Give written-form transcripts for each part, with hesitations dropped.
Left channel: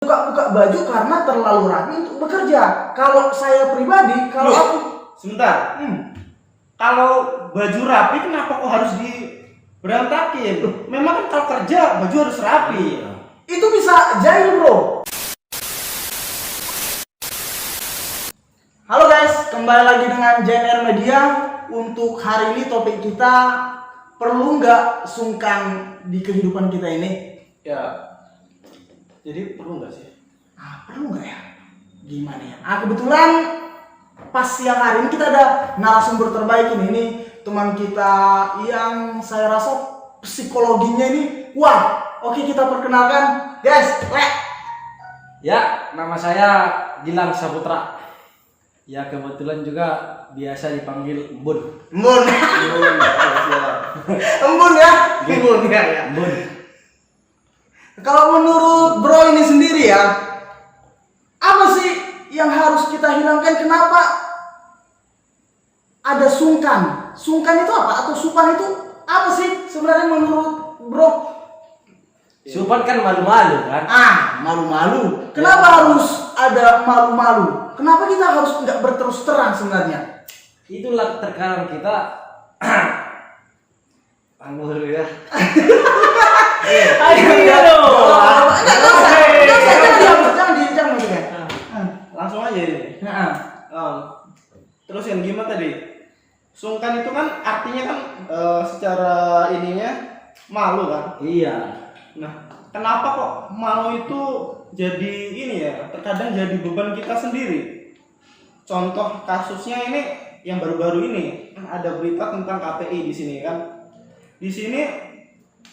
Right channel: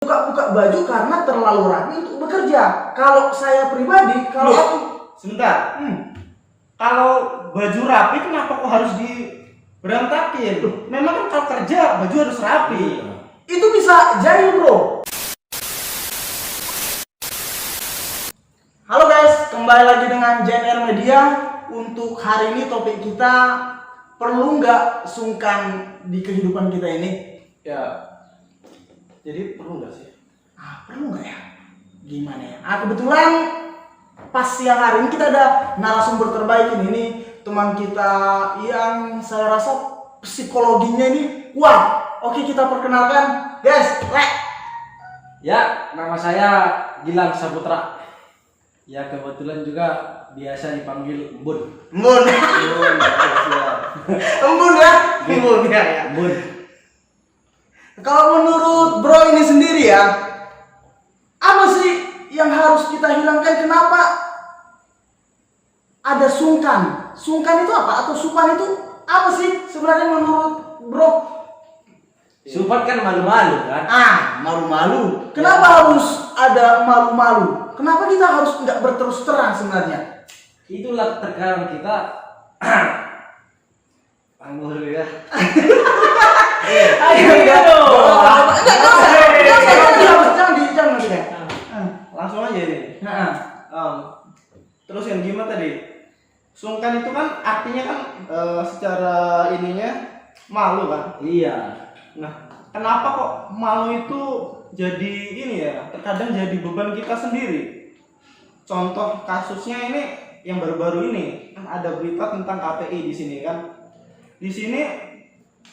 buka baju karena terlalu rapi untuk bekerja. Kalau saya pribadi, kalau aku sebentar. Kalau baju rapi kenapa kok harus diberantakin? Memang kan kalau kerja baju harus rapi. itu bisa jahil, bro. Halo guys, kembali lagi dengan JNR Media. Untuk hari ini topik kita, perlu nggak sungkan di kehidupan kita ini? Ya, jadi perlu nggak sih? Perlu nggak ya? Gimana ya? Kebetulan pas siang hari ini kita ada narasumber terbaik ini teman kita yang saya rasa psikologinya ini wah. Oke, kita perkenalkan, guys. Ya, nama saya Gilang Saputra. Ya, kebetulan juga biasa dipanggil Embun. Embun. Embun ya? Embun ya. Embun. Kalau menurut bro ini sendiri ya, apa sih yang harus kita hilangkan? Kenapa ada sungkan? Sungkan itu apa? Atau supan itu apa sih sebenarnya menurut bro? Supan kan malu-malu kan? Malu-malu. Kenapa harus ada malu-malu? Kenapa kita harus nggak berterus terang sebenarnya? Itulah terkadang kita anggur ya. Langsung aja ini. Terus yang gimana tadi? Sungkan itu kan artinya kan secara ininya malu kan? Iya. Nah, kenapa kok malu itu jadi ini ya? Terkadang jadi beban kita sendiri. Contoh kasusnya ini yang baru-baru ini kan ada berita tentang KPI di sini kan. Di sini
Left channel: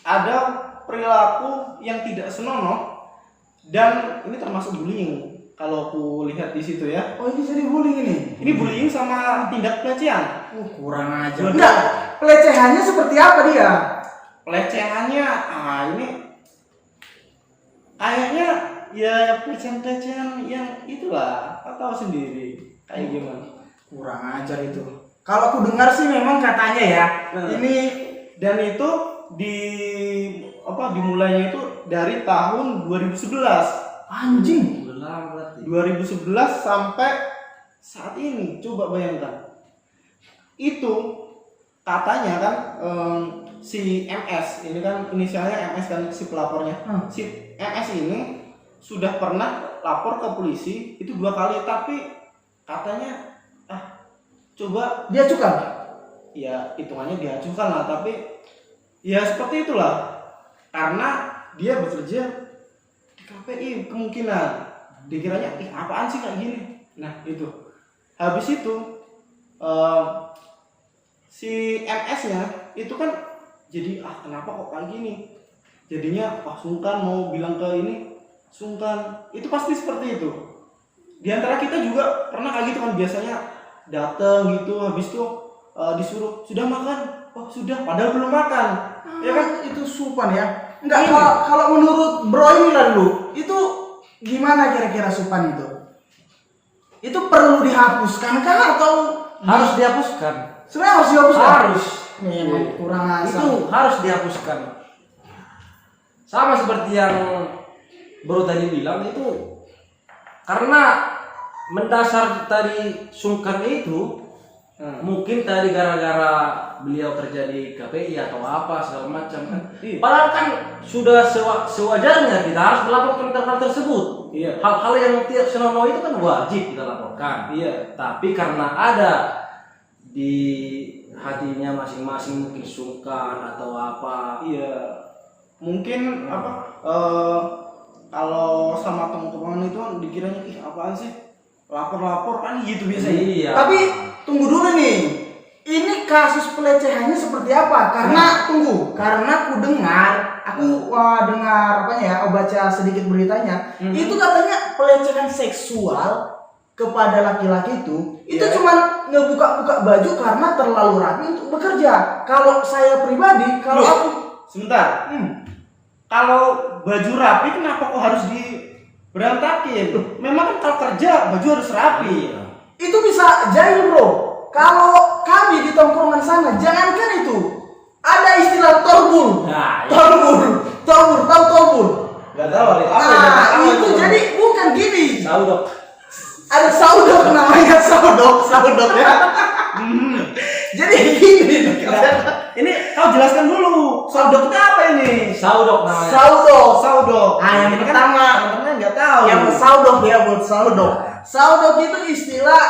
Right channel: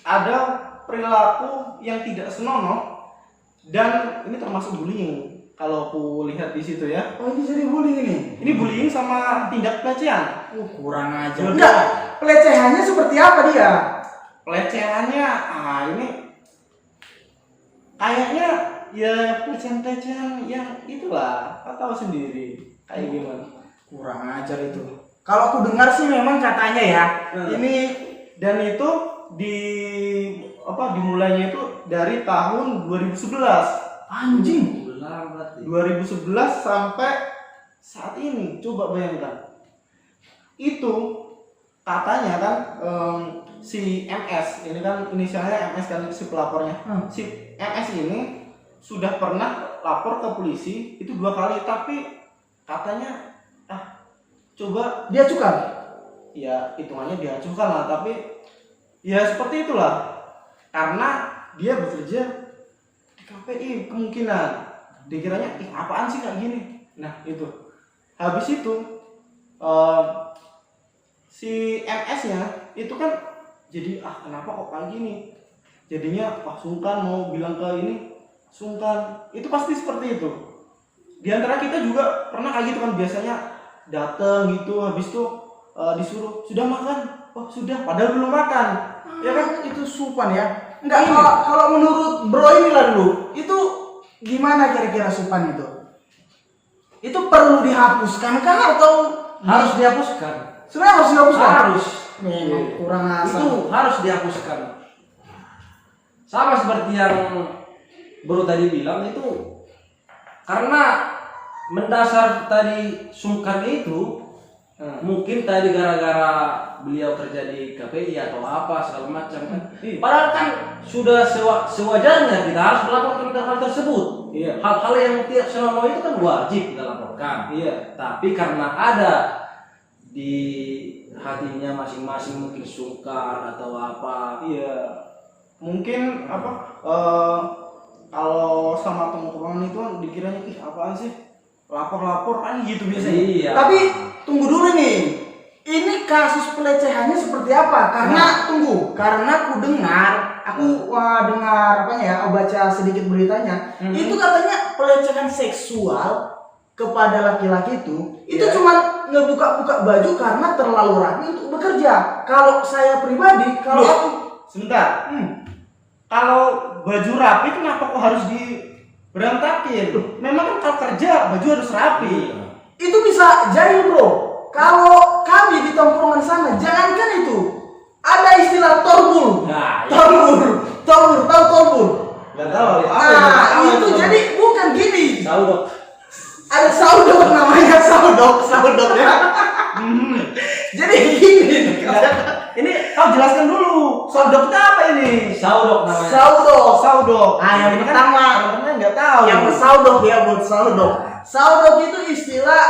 ada perilaku yang tidak senonoh dan ini termasuk bullying. Kalau aku lihat di situ ya. Oh, ini jadi bullying ini? Ini bullying sama tindak pelecehan. Kurang aja. Enggak, pelecehannya seperti apa dia? Pelecehannya, ini kayaknya ya pelecehan yang itulah, tahu sendiri kayak gimana. Kurang ajar itu. Kalau aku dengar sih memang katanya ya, ini dan itu dimulainya itu dari tahun 2011. Anjing. 2011 sampai saat ini, coba bayangkan. Itu katanya kan si MS, ini kan inisialnya MS kan si pelapornya. Si MS ini sudah pernah lapor ke polisi itu 2 kali, tapi katanya coba dia acukan. Ya hitungannya diacukan lah, tapi ya seperti itulah karena dia bekerja di KPI, kemungkinan dikiranya apaan sih kayak gini. Nah itu habis itu si MS nya itu kan jadi kenapa kok kayak gini, jadinya sungkan mau bilang ke ini, sungkan. Itu pasti seperti itu. Di antara kita juga pernah kayak gitu kan, biasanya datang gitu habis itu disuruh sudah makan, sudah padahal belum makan. Ya kan itu supan ya. Enggak, kalau menurut bro ini lah dulu, itu gimana kira-kira supan itu? Itu perlu dihapuskan kan atau harus dihapuskan? Sebenarnya harus dihapuskan. Harus. Memang kurang asal. Itu harus dihapuskan. Sama seperti yang bro tadi bilang itu, karena mendasar dari sungkan itu mungkin tadi gara-gara beliau kerja di KPI atau apa segala macam kan. Padahal kan sudah sewajarnya kita harus melaporkan hal tersebut. Iya. Hal-hal yang tidak senonoh itu kan wajib kita laporkan. Iya. Tapi karena ada di hatinya masing-masing mungkin sungkan atau apa. Iya. Mungkin kalau sama teman-teman itu dikiranya apaan sih? Lapor kan gitu biasanya. Iya. Tapi tunggu dulu nih. Ini kasus pelecehannya seperti apa? Karena karena aku dengar baca sedikit beritanya. Itu katanya pelecehan seksual kepada laki-laki itu cuma ngebuka-buka baju karena terlalu rapi untuk bekerja. Kalau saya pribadi, aku sebentar. Kalau baju rapi kenapa kok harus diberantakin? Memang kan kalau kerja baju harus rapi. Itu bisa jahil, bro. Kalau kami di tongkrongan sana, jangankan itu, ada istilah torbul. Torbul, tahu torbul? Nggak tahu. Nah, itu jadi bukan gini. Saudok. Ada saudok namanya saudok ya. Jadi gini. Ini kau jelaskan dulu. Saudok itu apa ini? Saudok namanya. Saudok. Yang Ini kan pertama. teman-teman nggak tahu. Yang saudok ya buat saudok. Saudok itu istilah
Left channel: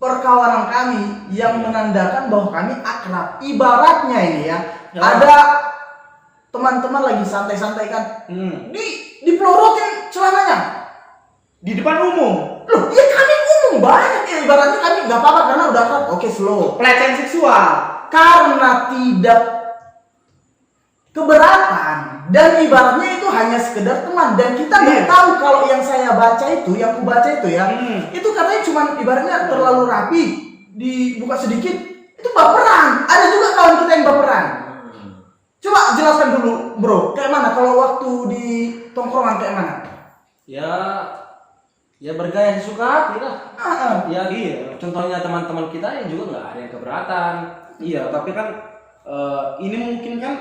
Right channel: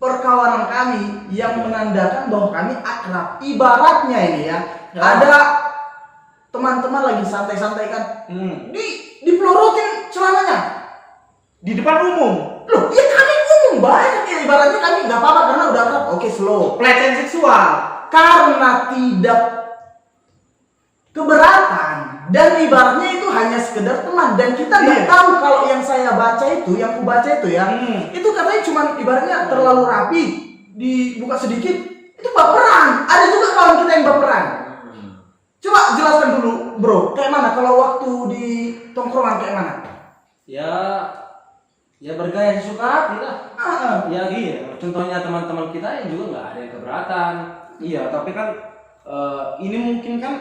perkawanan kami yang menandakan bahwa kami akrab. Ibaratnya ini ya, ada teman-teman lagi santai-santai kan, dipelorotin celananya Di depan umum. loh, ya kami umum banyak ya, ibaratnya kami nggak apa-apa karena udah akrab, oke slow. Pelecehan seksual. Karena tidak keberatan dan ibaratnya itu hanya sekedar teman dan kita nggak tahu kalau yang saya baca itu, yang ku baca itu ya, itu katanya cuma ibaratnya terlalu rapi, dibuka sedikit, itu baperan. Ada juga kawan kita yang baperan. Coba jelaskan dulu bro, kayak mana kalau waktu di tongkrongan kayak mana? Ya bergaya sesuka hati lah. Ya Iya. contohnya teman-teman kita yang juga nggak ada yang keberatan. Iya, tapi kan ini mungkin kan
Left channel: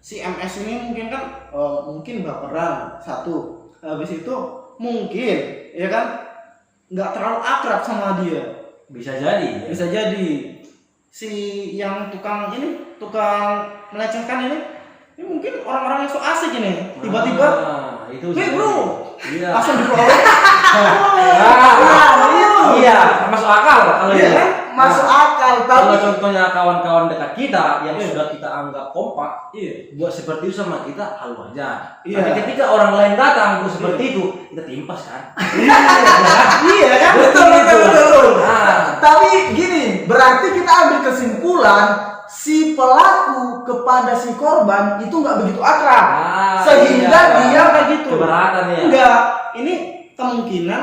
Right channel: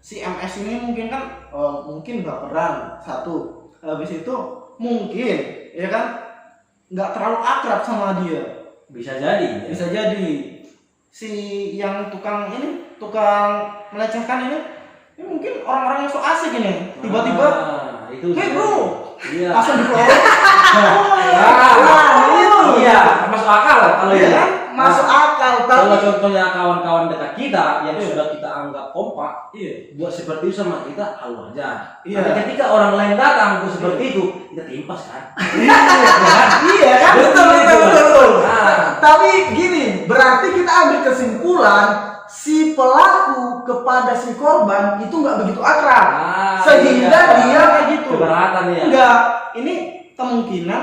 si MS ini mungkin kan mungkin baperan satu. Habis itu mungkin ya kan nggak terlalu akrab sama dia. Bisa jadi. Bisa jadi si yang tukang melecehkan ini mungkin orang-orang yang so asik ini. Tiba-tiba, itu "Hey bro," iya. langsung dipelorot. Iya, masuk akal kalau Iya ya. kan? Masuk akal, Kalau tapi contohnya kawan-kawan dekat kita yang Iya. sudah kita anggap kompak, buat seperti itu sama kita hal wajar. Iya. Tapi ketika orang lain datang untuk seperti itu, kita timpas kan. Iya kan? betul. Nah, Tapi gini, berarti kita ambil kesimpulan si pelaku kepada si korban itu nggak begitu akrab, sehingga iya. dia kayak gitu. Keberatan ya. Enggak, ini kemungkinan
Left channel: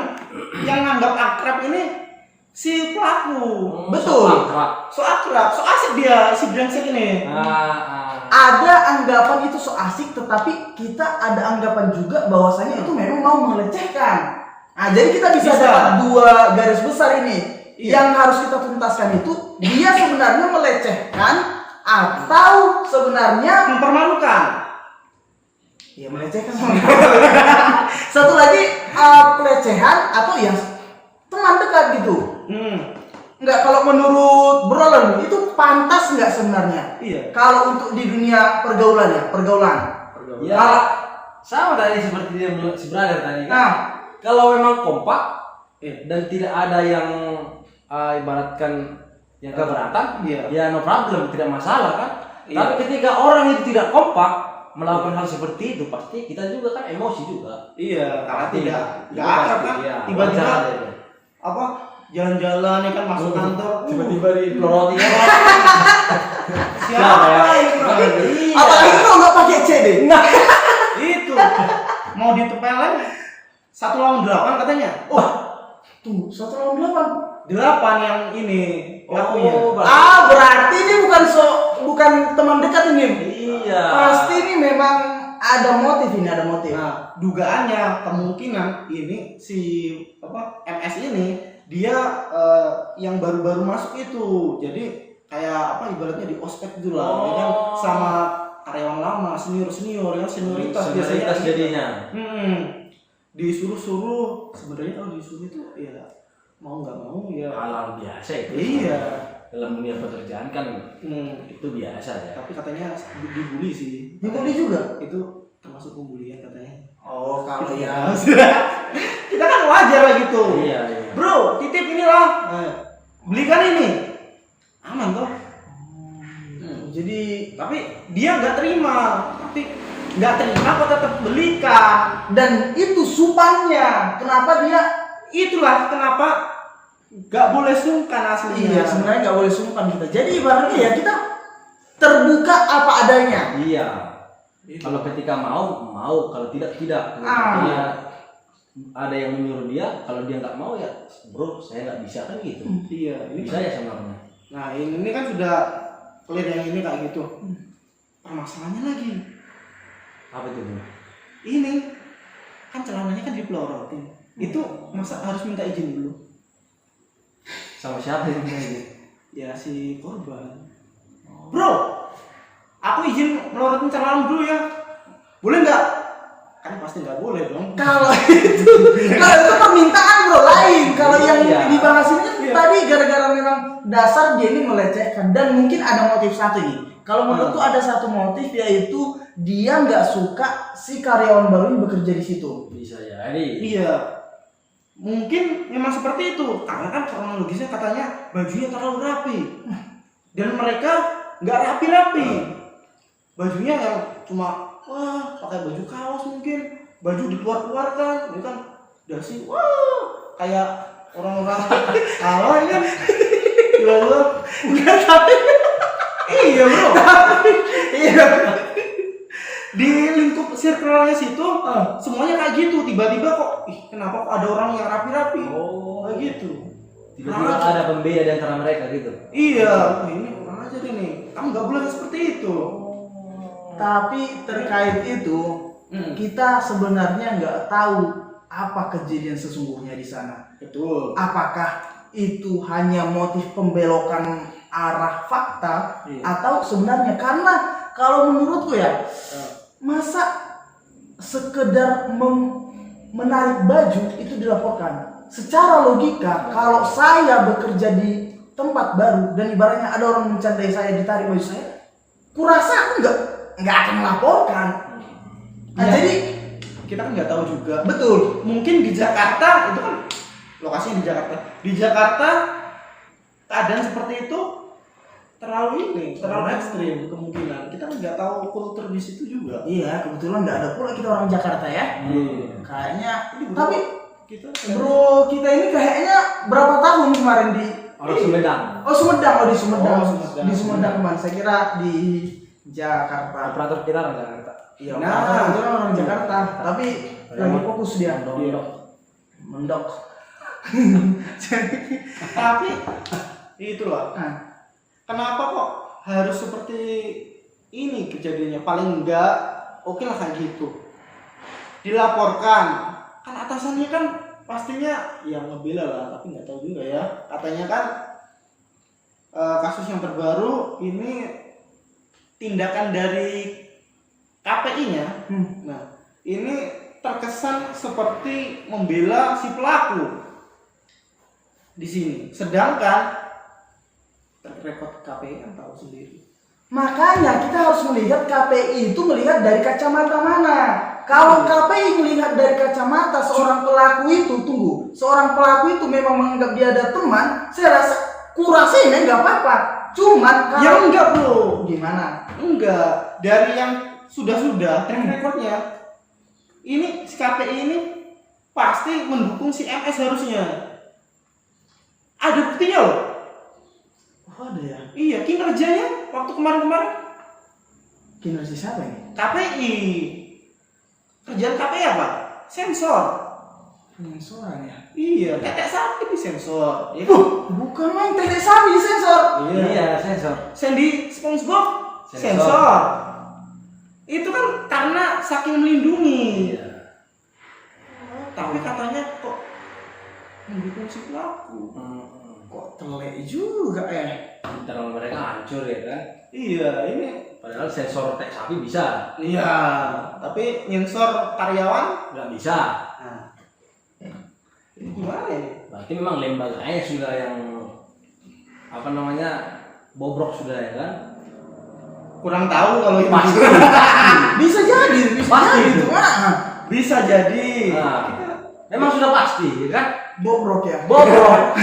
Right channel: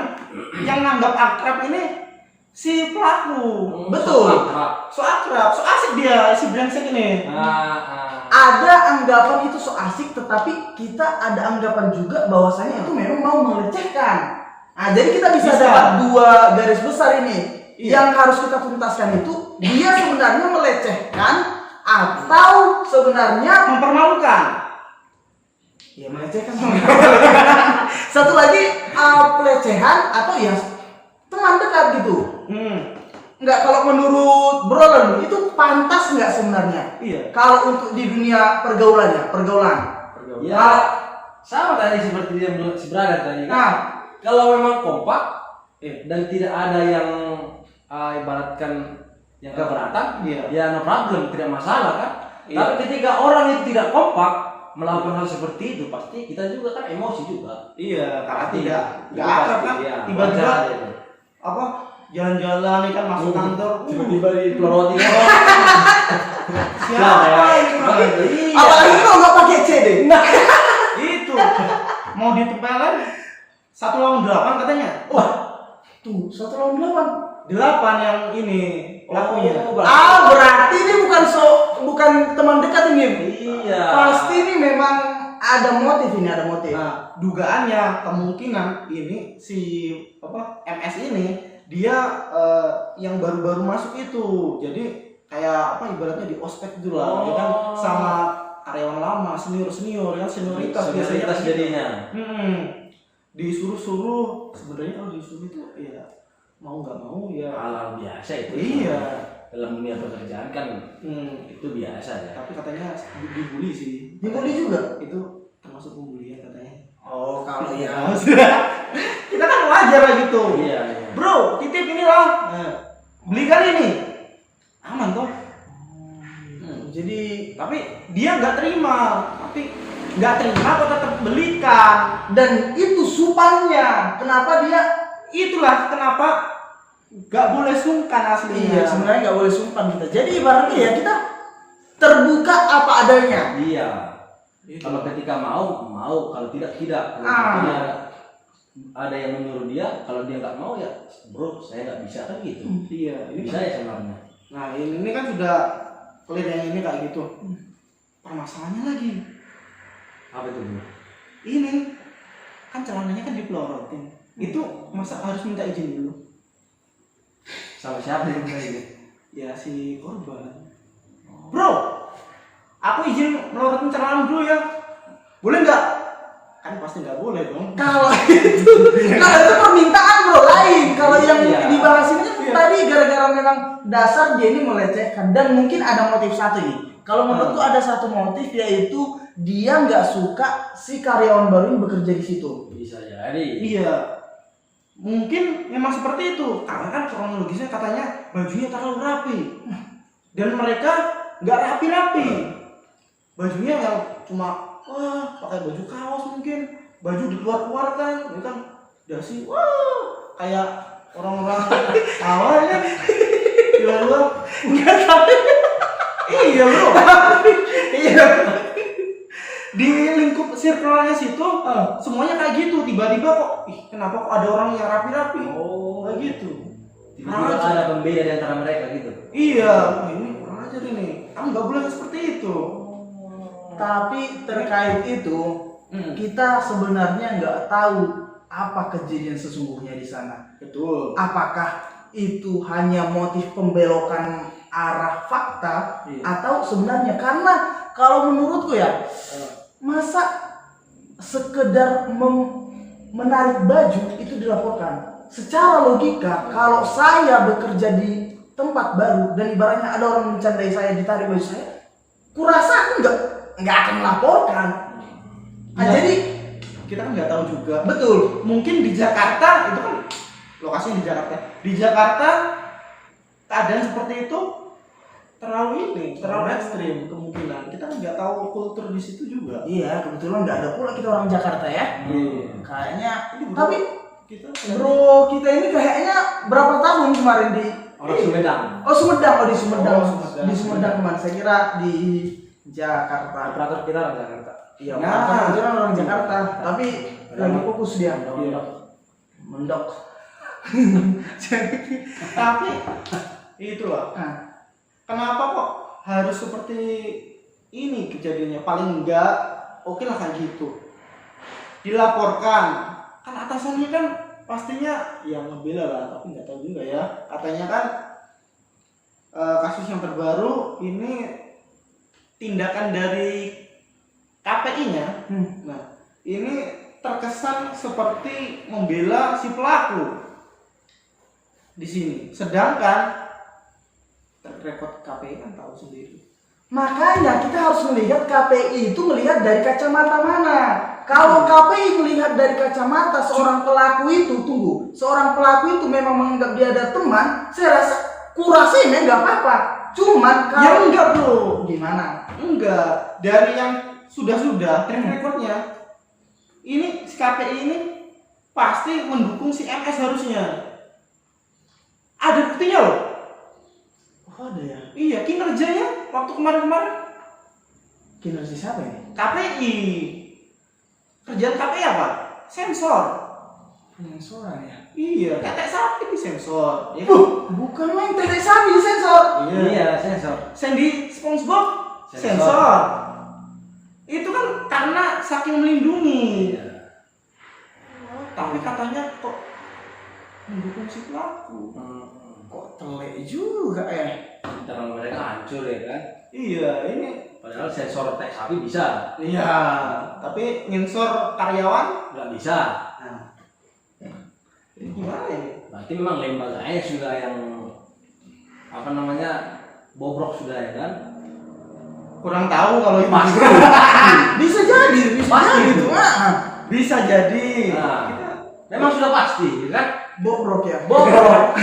yang nganggap akrab ini si pelaku. Betul. So akrab, so asik dia si brengsek ini. Ada anggapan itu so asik, tetapi kita ada anggapan juga bahwasanya itu memang mau melecehkan. Nah, jadi kita bisa dapat dua garis besar ini. Iya. Yang harus kita tuntaskan itu dia sebenarnya melecehkan atau sebenarnya Mempermalukan. ya melecehkan. Satu lagi pelecehan atau ya teman dekat gitu. Enggak, kalau menurut Brolan itu pantas nggak sebenarnya? Iya. Kalau untuk di dunia pergaulan. Ya, sama tadi seperti dia bilang si brother tadi. Nah, Kalau memang kompak dan tidak ada yang ibaratkan yang keberatan, Iya. ya no problem, tidak masalah kan. Iya. Tapi ketika orang itu tidak kompak melakukan hal seperti itu, pasti kita juga kan emosi juga. Iya, karena tidak Iya, akrab kan. iya, Tiba-tiba wajar ada itu. apa jalan-jalan nih kan masuk kantor. Tiba-tiba di peloroti ya. Siapa ini? Iya. apalagi kalau nggak pakai C deh. Itu mau ditempelin 1 lawan 8 katanya. Wah, tuh 1 lawan 8. 8 yang ini pelakunya. Berarti ini bukan teman dekat ini. Iya. Pasti ini memang ada motif ini, ada motif. Nah, dugaannya kemungkinan ini si MS ini dia yang baru-baru masuk itu. Jadi kayak ibaratnya di ospek dulu lah, ya kan sama karyawan lama, senior yang senioritas biasanya kan gitu. jadinya. Disuruh sebenarnya kalau disuruh itu ya mau nggak mau ya Hal biasa itu. iya. Dalam dunia pekerjaan kan itu biasa ya. Tapi katanya dibully sih. Dibully juga? Itu termasuk pembulian katanya. Oh, kalau ya. Kita kan wajar lah gitu. Iya. Bro, titip inilah. Belikan ini. Aman toh. Jadi Tapi dia nggak terima. Tapi nggak terima kok tetap belikan. dan itu supannya. Kenapa dia? Itulah kenapa nggak boleh sungkan aslinya. Iya, sebenarnya nggak boleh sumpan kita. Jadi ibaratnya ya kita terbuka apa adanya. Iya. Itu. Kalau ketika mau, kalau tidak. Kalau dia ada yang menyuruh dia, kalau dia nggak mau ya, bro, saya nggak bisa kan gitu. Iya, ini Bisa ya sebenarnya. Nah, ini kan sudah clear yang ini kayak gitu. Permasalahannya lagi. Apa itu bro? Ini kan celananya kan dipelorotin. Itu masa harus minta izin dulu? Sama siapa yang bilang gitu? Ya si korban. Bro, aku izin melorotin celana dulu ya. boleh nggak? Kan pasti nggak boleh dong. Kalau itu permintaan bro lain. Kalau yang Iya. dibahas ini kan Iya. tadi gara-gara memang dasar dia ini melecehkan dan mungkin ada motif satu nih. Kalau menurutku ada satu motif yaitu dia nggak suka si karyawan baru ini bekerja di situ. Bisa jadi. Iya, mungkin memang seperti itu. Karena kan kronologisnya katanya bajunya terlalu rapi dan mereka nggak rapi-rapi. Bajunya yang cuma pakai baju kaos mungkin, baju dikeluar-keluarkan, ini kan dasi, kayak orang-orang awal kan, jual-jual, Enggak tapi iya bro, iya. di lingkup circle-nya situ, semuanya kayak gitu, tiba-tiba kok, kenapa kok ada orang yang rapi-rapi, kayak gitu. Tiba-tiba ada pembeda di antara mereka gitu. Iya, ini kurang ajar ini, kamu nggak boleh seperti itu. Tapi terkait itu kita sebenarnya nggak tahu apa kejadian sesungguhnya di sana. Betul. Apakah itu hanya motif pembelokan arah fakta Iya. atau sebenarnya karena kalau menurutku ya masa sekedar menarik baju itu dilaporkan secara logika kalau saya bekerja di tempat baru dan ibaratnya ada orang mencandai saya ditarik baju saya kurasa aku nggak akan melaporkan. Ya. Jadi Kita kan nggak tahu juga. betul Mungkin di Jakarta itu kan lokasinya di Jakarta. Di Jakarta keadaan seperti itu terlalu ekstrim kemungkinan. Kita kan nggak tahu kultur di situ juga. iya kebetulan nggak ada pula kita orang Jakarta ya Iya. kayaknya Ini bro, tapi kita bro kita ini kayaknya berapa tahun kemarin di Orang Sumedang. Oh Sumedang, di Sumedang. Oh, Sumedang. Di Sumedang kemarin. Saya kira di Jakarta. Operator kita orang Jakarta. Iya, Nah. kebetulan orang Jakarta, tapi lagi fokus dia. Iya. Mendok. Tapi itu loh. Nah, Kenapa kok harus seperti ini kejadiannya? Paling enggak oke lah kayak gitu. Dilaporkan. Kan atasannya kan pastinya yang ngebela lah, tapi nggak tahu juga ya. Katanya kan kasus yang terbaru ini tindakan dari KPI-nya. Nah, ini terkesan seperti membela si pelaku di sini. Sedangkan rekod KPI kan tahu sendiri. makanya kita harus melihat KPI itu melihat dari kacamata mana. Kalau KPI melihat dari kacamata seorang pelaku itu, seorang pelaku itu memang menganggap dia ada teman, saya rasa kurasinya nggak apa-apa. Cuman Ya kalau enggak bro, gimana? enggak. Dari yang sudah track recordnya, ini si KPI ini pasti mendukung si MS harusnya. Ada buktinya loh. Oh, ada ya. Iya, kinerjanya waktu kemarin-kemarin Kinerja siapa ini? KPI. Kerjaan KPI apa? Sensor. Penyensoran ya. Iya, tetek sapi di sensor. Ya. Bukan main tetek sapi di sensor. Iya, sensor. Sandy SpongeBob Sensor. sensor. Itu kan karena saking melindungi. Iya. Tapi katanya kok mendukung si pelaku. Kok telek juga ya? Internal mereka hancur ya kan. Iya, ini Padahal sensor tek sapi bisa, iya, tapi nyensor karyawan nggak bisa. nah. Ini gimana ini? Berarti memang lembaganya sudah yang apa namanya bobrok sudah ya kan. Kurang tahu kalau itu. Pasti. Bisa jadi, Pasti jadi itu. tuh. Ah, Bisa jadi. Nah, memang sudah pasti ya kan. bobrok ya. Bobrok.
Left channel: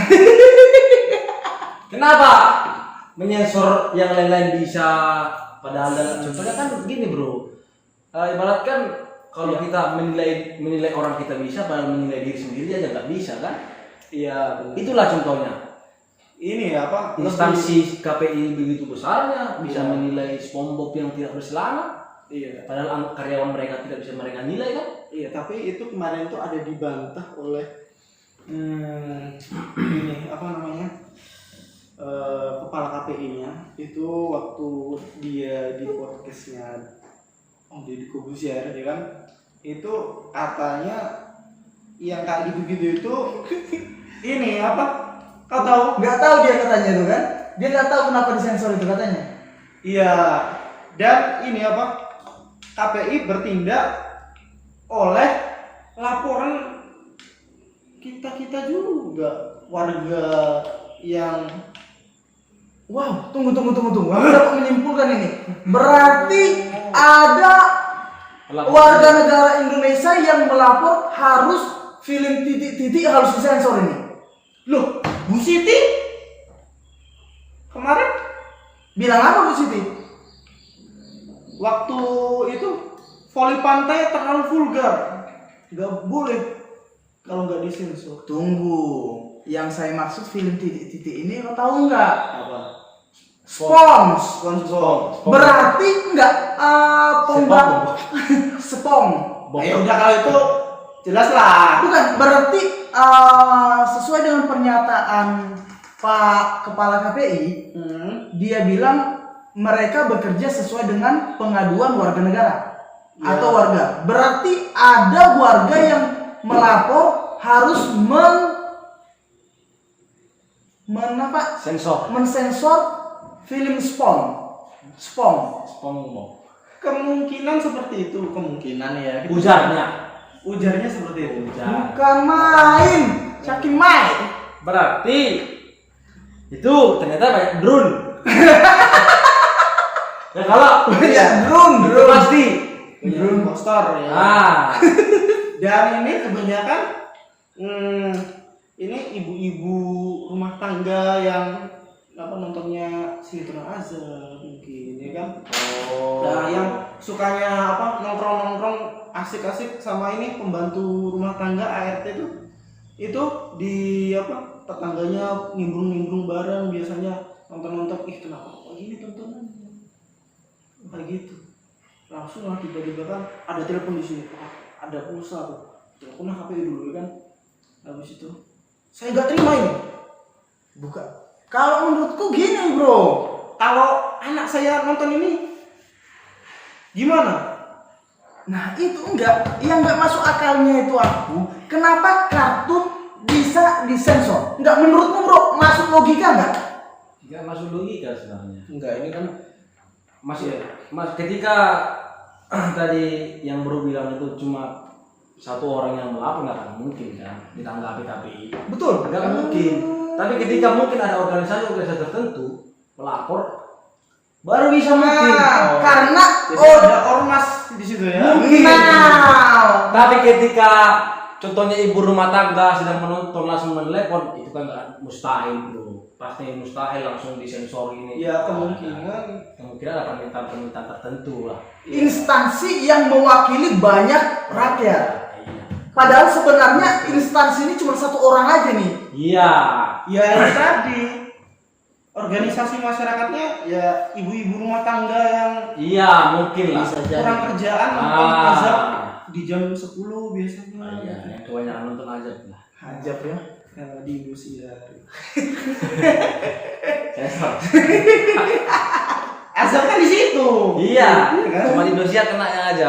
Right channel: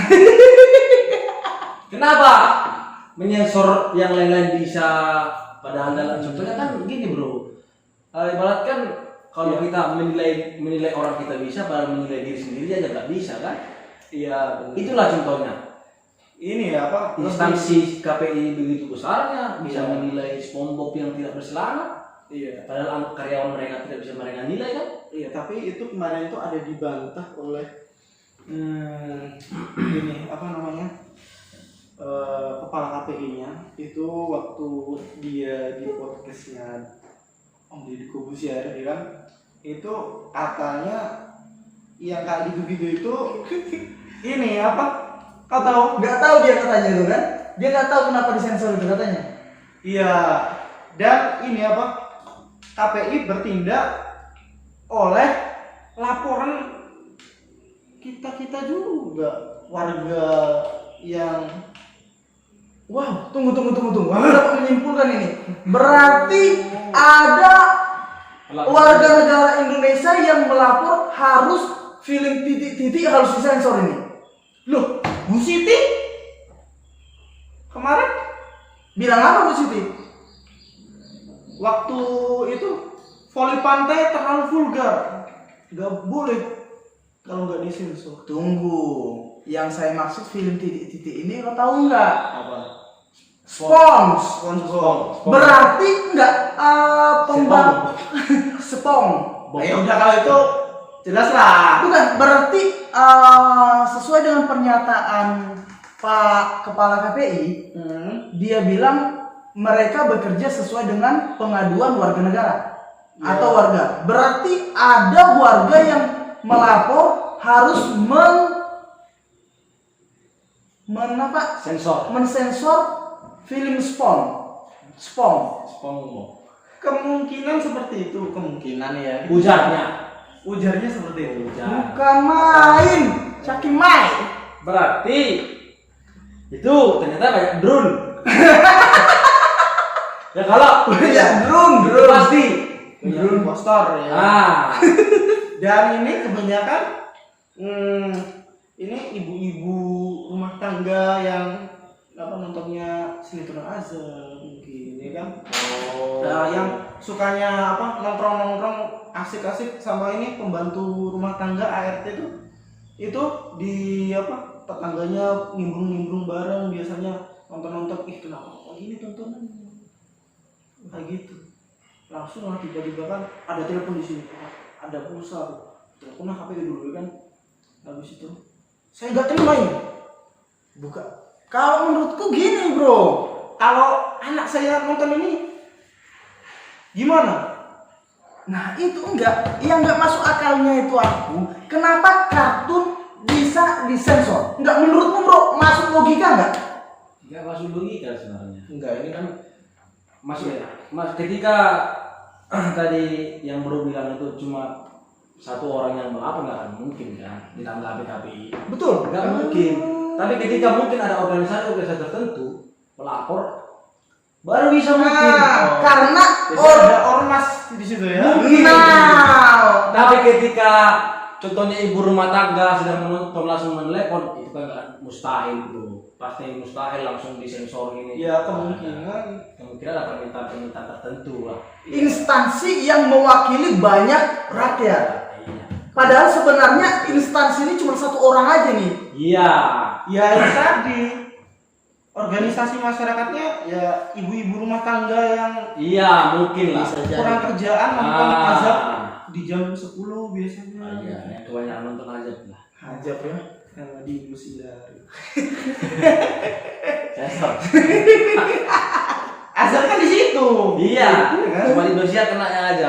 Kenapa menyensor yang lain-lain bisa, padahal dalam contohnya kan gini bro, ibaratkan kalau kita menilai orang kita bisa, padahal menilai diri sendiri aja nggak bisa kan? Iya, benar. Itulah contohnya. Ini apa? Instansi KPI begitu besarnya bisa Iya. menilai SpongeBob yang tidak berselana, Iya. padahal karyawan mereka tidak bisa mereka nilai kan? Iya, tapi itu kemarin itu ada dibantah oleh ini apa namanya? Kepala KPI-nya itu waktu dia di podcastnya Om Deddy Corbuzier ya kan, itu katanya yang kayak gitu-gitu itu ini apa? Kau tahu? Nggak tahu dia katanya itu kan? Dia nggak tahu kenapa disensor itu katanya. Iya. Dan ini apa? KPI bertindak oleh laporan kita juga, warga yang Wow, tunggu. Aku dapat menyimpulkan ini. Berarti ada warga negara Indonesia yang melapor harus film titik-titik harus disensor ini. loh, Bu Siti kemarin Bilang apa Bu Siti? waktu itu voli pantai terlalu vulgar, nggak boleh kalau nggak disensor. Tunggu, yang saya maksud film titik-titik ini lo tahu nggak? Apa? SpongeBob. Berarti nggak pembang Spong. Ya udah kalau itu jelas lah. Bukan, berarti sesuai dengan pernyataan Pak Kepala KPI, dia bilang mereka bekerja sesuai dengan pengaduan warga negara atau warga. Berarti ada warga yang melapor harus mensensor film Spong. Kemungkinan seperti itu, kemungkinan ya. Ujarnya seperti itu. Bukan main, Caki main. Berarti itu ternyata pakai drone. Ya kalau Ya, itu drone. pasti Drone impostor ya. Dan ini kebanyakan ini ibu-ibu rumah tangga yang nontonnya sinetron azab mungkin ya kan. Nah, yang sukanya nongkrong asik-asik sama ini pembantu rumah tangga ART itu di tetangganya nimbrung bareng, biasanya nonton kenapa kok ini tontonan kayak gitu. Langsung lah tiba-tiba kan ada telepon di sini, ada pulsa tuh, telepon KPI dulu kan. Habis itu Saya nggak terima ini. Bukan. Kalau menurutku gini bro, kalau anak saya nonton ini gimana? nah itu yang nggak masuk akalnya itu aku, kenapa kartun bisa disensor? Nggak, menurutmu bro, masuk logika nggak? nggak masuk logika sebenarnya. Enggak, ini kan Ketika tadi yang bro bilang itu cuma satu orang yang melapor, nggak akan mungkin kan ditanggapi KPI. Betul. Nggak mungkin. Tapi ketika mungkin ada organisasi tertentu melapor, baru bisa mungkin. Karena ada ormas di situ ya. Tapi ketika contohnya ibu rumah tangga sedang menonton langsung menelepon, itu kan nggak mustahil bro. Pasti mustahil langsung disensor ini. Ya kemungkinan ada permintaan tertentu lah. instansi yang mewakili banyak rakyat. Padahal sebenarnya instansi ini cuma satu orang aja nih. Iya. ya itu tadi organisasi masyarakatnya ya ibu-ibu rumah tangga yang Mungkin lah. kurang kerjaan nonton azab di jam 10 biasanya. Yang kebanyakan nonton azab lah. Ajab ya. Di Indonesia. Azab kan di situ. Iya. Kan? Cuma di Indonesia kena aja.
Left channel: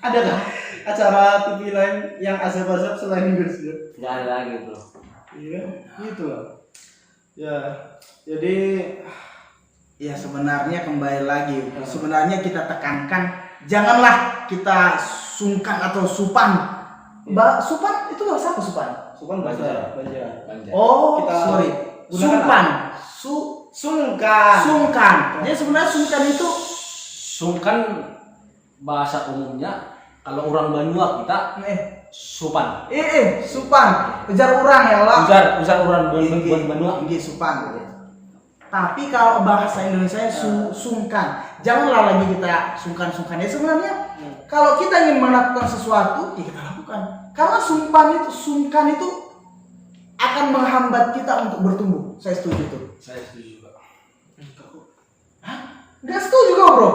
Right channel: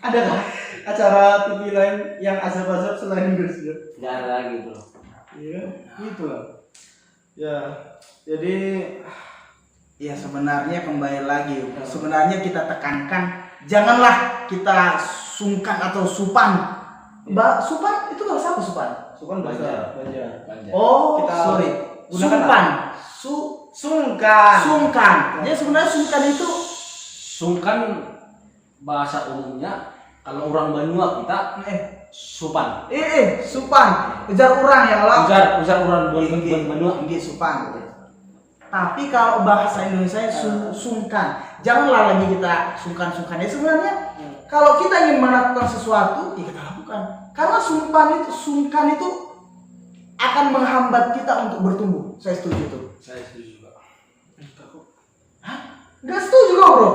Ada kan acara TV lain yang azab-azab selain Indonesia? Nggak ada lagi bro. Iya, gitu lah. Ya, jadi Ya sebenarnya kembali lagi, sebenarnya kita tekankan janganlah kita sungkan atau supan. Supan itu bahasa apa supan? Supan bahasa Banjar. Oh, Kita sorry. gunakan Supan. Sungkan. Sungkan. Jadi sebenarnya sungkan itu Sungkan bahasa umumnya kalau orang Banyuak kita supan. supan. Ujar orang ya lah. Ujar orang Banyuak. Tinggi supan. Tapi kalau bahasa Indonesia sungkan. Janganlah lagi kita sungkan-sungkan. Ya sebenarnya kalau kita ingin melakukan sesuatu, ya kita lakukan. Karena sungkan itu akan menghambat kita untuk bertumbuh. Saya setuju tuh. Saya setuju juga. Nggak setuju kok bro?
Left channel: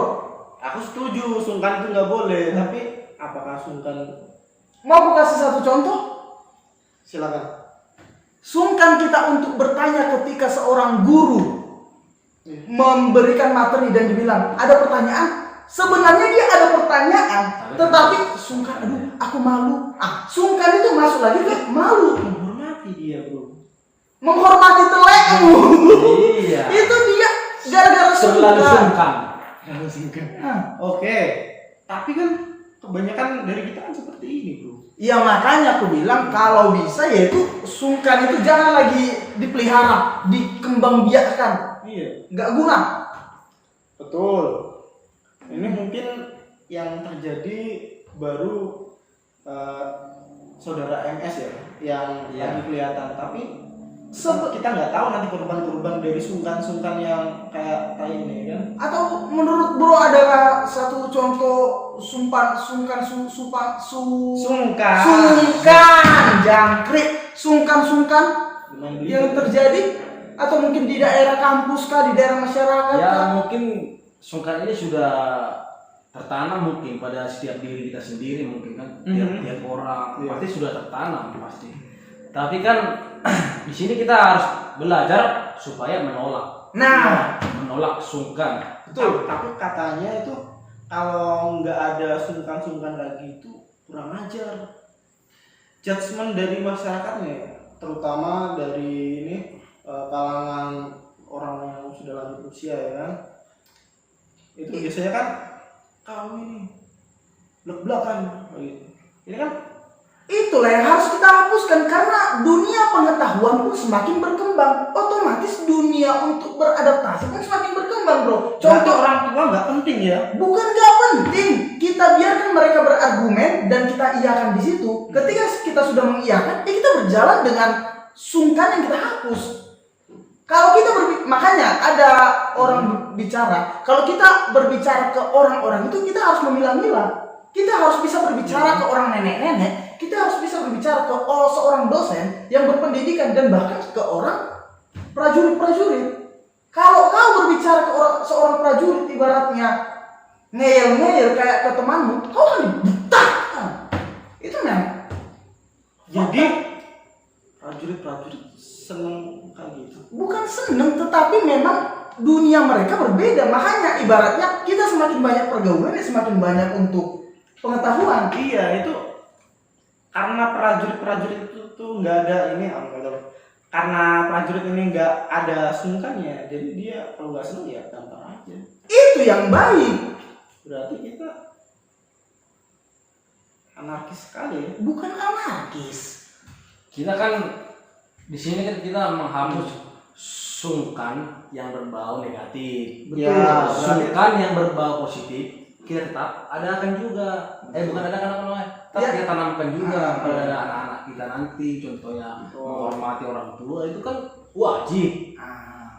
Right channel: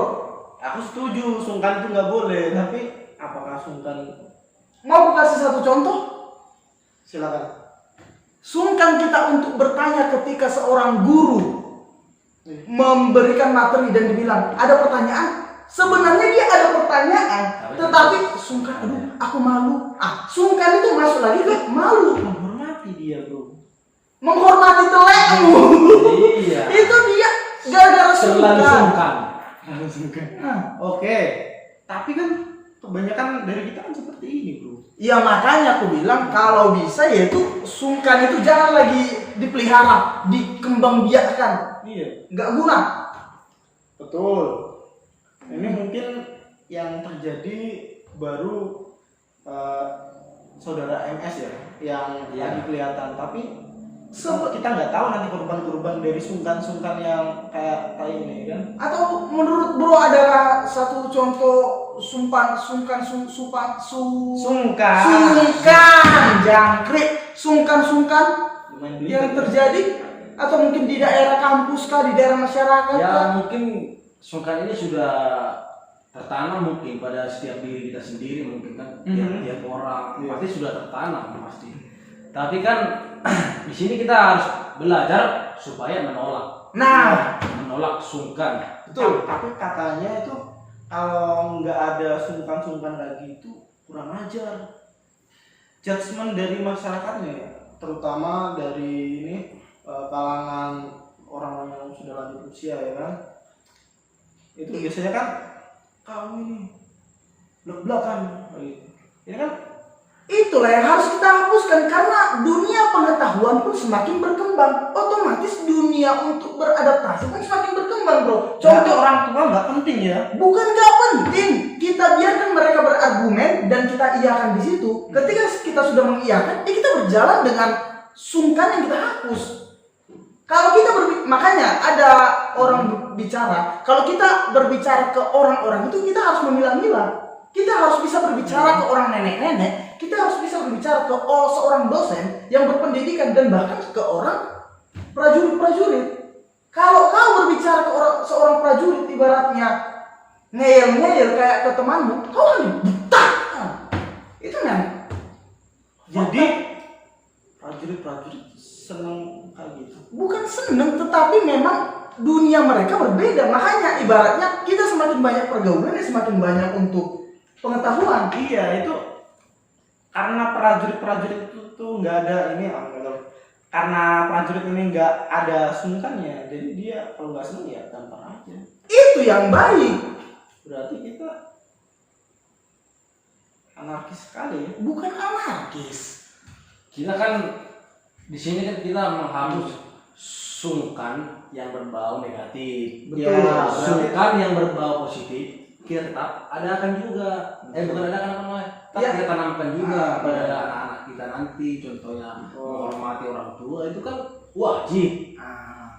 Aku setuju, sungkan itu nggak boleh. Tapi apakah sungkan? Mau aku kasih satu contoh? Silakan. Sungkan kita untuk bertanya ketika seorang guru memberikan materi dan dibilang ada pertanyaan. Sebenarnya dia ada pertanyaan, tetapi sungkan. Aduh, aku malu. Sungkan itu masuk lagi ke malu. Menghormati dia bro. Menghormati telekmu. Iya. Itu dia gara-gara Terlalu sungkan. sungkan. Oke, tapi kan kebanyakan dari kita kan seperti ini, bro. Ya makanya aku bilang kalau bisa ya itu sungkan itu jangan lagi dipelihara, dikembangbiakkan, Iya, nggak guna. betul. Ini mungkin yang terjadi baru saudara MS ya, yang Iya. lagi kelihatan. Tapi Sebe- kita nggak tahu nanti korban-korban dari sungkan-sungkan yang kayak ini kan. Atau menurut bro adakah satu contoh sungkan Sungkan. jangkrik sungkan Main yang berita. terjadi atau mungkin di daerah kampus kah, di daerah masyarakat Ya kah? mungkin sungkan ini sudah tertanam mungkin pada setiap diri kita sendiri mungkin kan tiap orang Iya. pasti sudah tertanam pasti. Tapi kan di sini kita harus belajar supaya menolak sungkan. Betul. Tapi katanya itu kalau nggak ada sungkan-sungkan lagi itu kurang ajar. Judgement dari masyarakatnya, ya, terutama dari ini kalangan orang yang sudah lanjut usia ya kan. Itu biasanya kan kau ini blak-blakan gitu. Ini kan Itulah yang harus kita hapuskan karena dunia pengetahuan pun semakin berkembang. Otomatis dunia untuk beradaptasi pun semakin berkembang, bro. contoh Contoh orang tua nggak penting ya. bukan nggak penting, kita biarkan mereka berargumen dan kita iakan di situ. Ketika kita sudah mengiyakan, ya kita berjalan dengan sungkan yang kita hapus. Kalau kita makanya ada orang bicara, kalau kita berbicara ke orang-orang itu kita harus memilah-milah. Kita harus bisa berbicara ke orang nenek-nenek, kita harus bisa berbicara ke seorang dosen yang berpendidikan dan bahkan ke orang prajurit-prajurit. Kalau kau berbicara ke seorang prajurit ibaratnya ngeyel-ngeyel kayak ke temanmu, kau akan dibutah. Itu memang. Jadi prajurit-prajurit seneng kayak gitu. Bukan seneng, tetapi memang dunia mereka berbeda. Makanya ibaratnya kita semakin banyak pergaulan, ya semakin banyak untuk pengetahuan. Iya, itu karena prajurit-prajurit itu tuh nggak ada ini, karena prajurit ini nggak ada sungkannya, jadi dia kalau nggak seneng ya gampang aja. Itu yang baik. Berarti kita anarkis sekali ya. Bukan anarkis. Kita kan di sini kan kita menghapus sungkan yang berbau negatif. Betul. Ya, Sungkan yang berbau positif kita tetap adakan juga. Bukan adakan apa namanya? Tetap Ya. kita tanamkan juga pada anak-anak kita nanti. Contohnya menghormati orang tua itu kan wajib.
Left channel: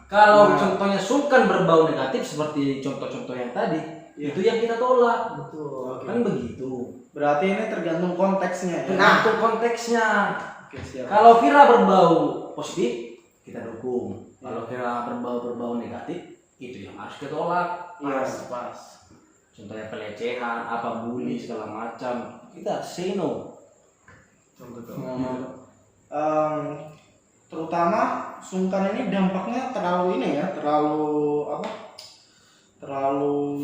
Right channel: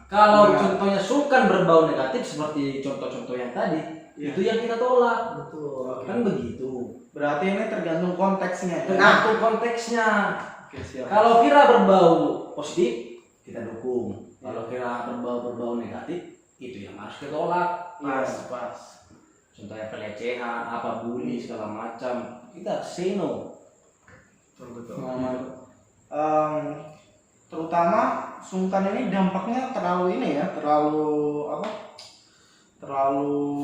Kalau contohnya sungkan berbau negatif seperti contoh-contoh yang tadi, itu yang kita tolak. Betul. Kan begitu. Berarti ini tergantung konteksnya ya. Nah, itu konteksnya. Oke, siap. Kalau kira berbau positif, kita dukung. Kalau kira berbau negatif, itu yang harus kita tolak. Pas. Contohnya pelecehan, apa bully segala macam, kita say no. Terutama sungkan ini dampaknya terlalu ini ya, terlalu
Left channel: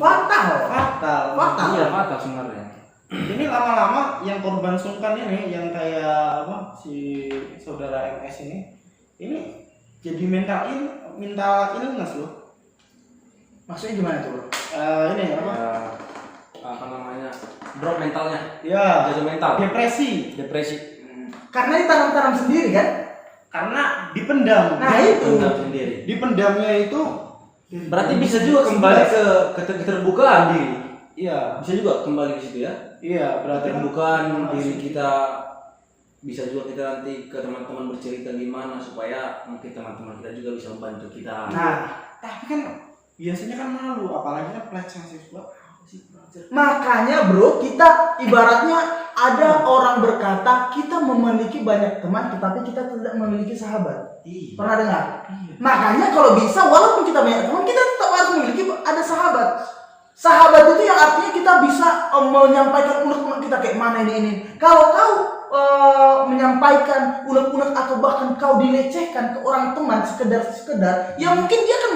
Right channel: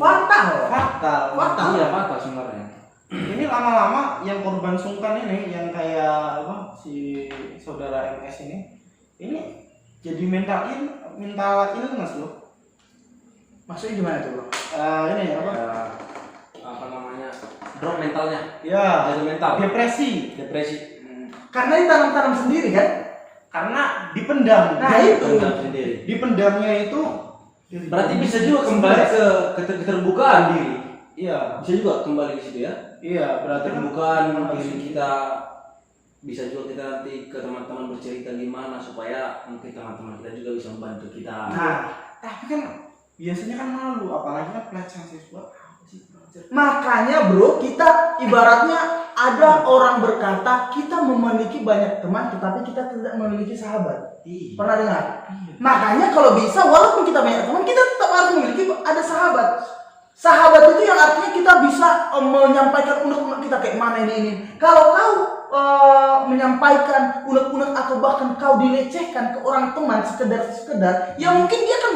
Fatal. fatal. Iya, apa sebenarnya? Ini lama-lama yang korban sungkan ini, yang kayak si saudara MS ini jadi mental illness loh. Maksudnya gimana tuh, bro? Ini Apa namanya? Drop mentalnya. ya Jadi mental. depresi Depresi. Karena ditanam-tanam sendiri kan? karena dipendam. Nah, itu. Enggak sendiri. Dipendamnya itu Berarti bisa juga kembali ke keterbukaan diri. iya Bisa juga kembali ke situ ya. berarti kan Keterbukaan diri kita. Bisa juga kita nanti ke teman-teman bercerita gimana supaya mungkin teman-teman kita juga bisa membantu kita. Nah, tapi kan biasanya kan malu, apalagi kan pelecehan seksual. makanya bro, kita ibaratnya ada orang berkata kita memiliki banyak teman tetapi kita tidak memiliki sahabat. Iya. Pernah dengar? Makanya kalau bisa walaupun kita banyak teman, kita tetap harus memiliki ada sahabat. Sahabat itu yang artinya kita bisa menyampaikan unek-unek kita kayak mana ini. Kalau kau menyampaikan unek-unek atau bahkan kau dilecehkan ke orang teman sekedar, ya mungkin dia akan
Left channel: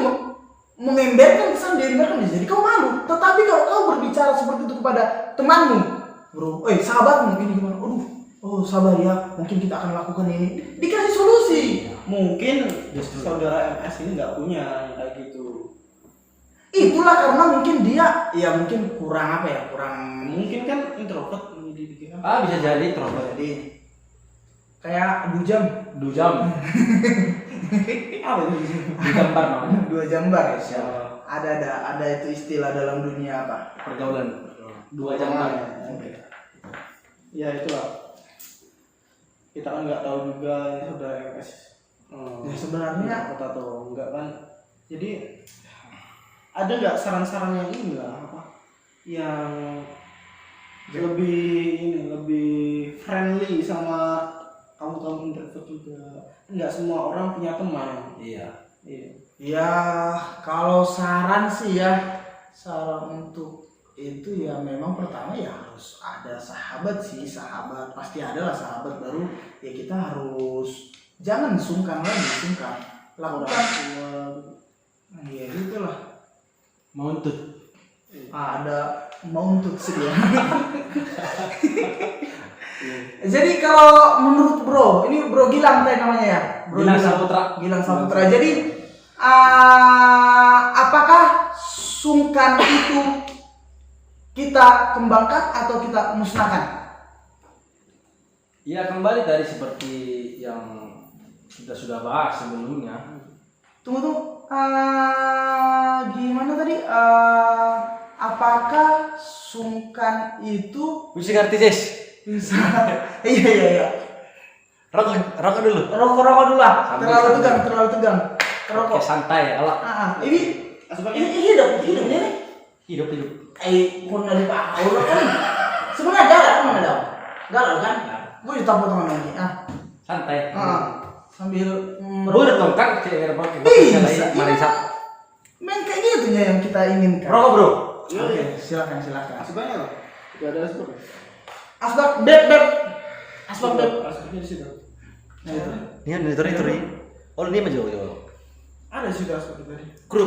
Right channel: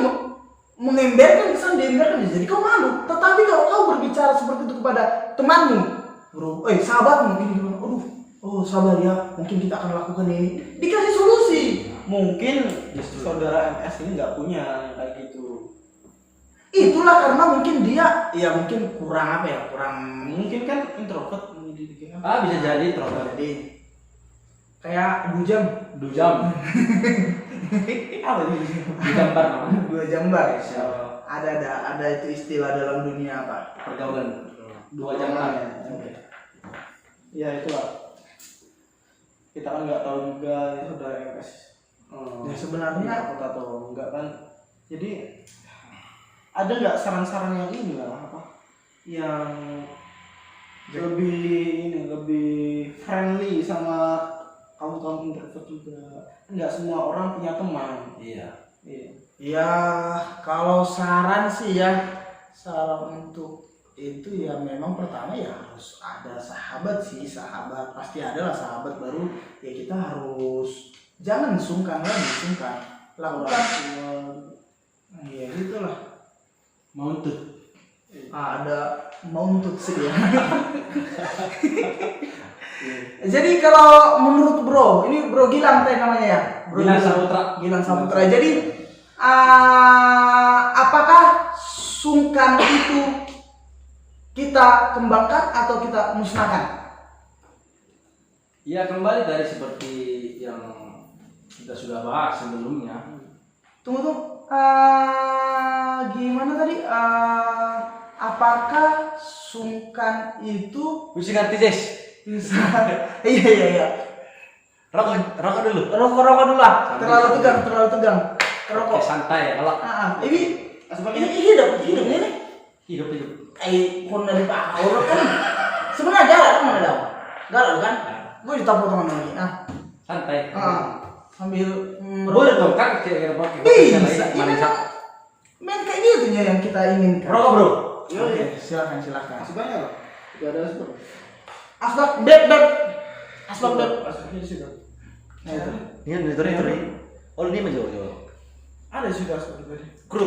mengemberkan kesan diemberkan, jadi kau malu. Tetapi kalau kau berbicara seperti itu kepada temanmu, bro, sahabatmu ini gimana? Sabar ya, mungkin kita akan lakukan ini. Dikasih solusi. Mungkin saudara MS ini nggak punya yang kayak gitu. Itulah karena mungkin dia ya mungkin kurang apa ya, kurang Mungkin kan introvert dikira. Bisa jadi introvert. jadi kayak dujam 2 jam. Apa itu? Di gambar namanya. 2 jambar ya. Ya. Ada itu istilah dalam dunia apa? Pergaulan. 2 jam. Oke. Ya itulah. Kita kan nggak tahu juga ini sudah MS. Ya sebenarnya Takut atau enggak kan. Jadi ada nggak saran-saran yang ini lah apa? Yang lebih friendly sama kamu introvert juga. Nggak semua orang punya teman. Iya. Iya. ya kalau saran sih ya, saran untuk itu ya memang pertama ya harus ada sahabat sih, sahabat pasti ada lah sahabat, baru ya kita harus jangan sungkan lakukan semua. Ya gitulah. Mauntut. Ada mauntut sih ya. Jadi kalau menurut bro, ini bro Gilang tadi namanya ya, bro Gilang Saputra. Gilang Saputra. Jadi apakah sungkan itu kita kembangkan atau kita musnahkan? Ya kembali dari seperti yang kita sudah bahas sebelumnya. Tunggu. Gimana tadi? Apakah sungkan itu Musik artis. Iya. Rokok dulu. Rokok dulu lah. Terlalu tegang. Rokok. Oke, santai ya kalau Ini hidup ini. hidup. Kon dari Pak Auro kan sebenarnya galak kan mana dah? Galak kan? Gue ditampol teman lagi. Santai. Sambil Boleh dong kan kayak rokok. bisa. Ya main kayak gitu ya yang kita inginkan. Rokok, Bro. Oke, silakan. Sebanyak lah. Tidak ada asbak. Asbak beb. Asbaknya di situ. Nah itu. Ini itu. Oh, ini apa juga? Ada di situ asbak tadi. Kru.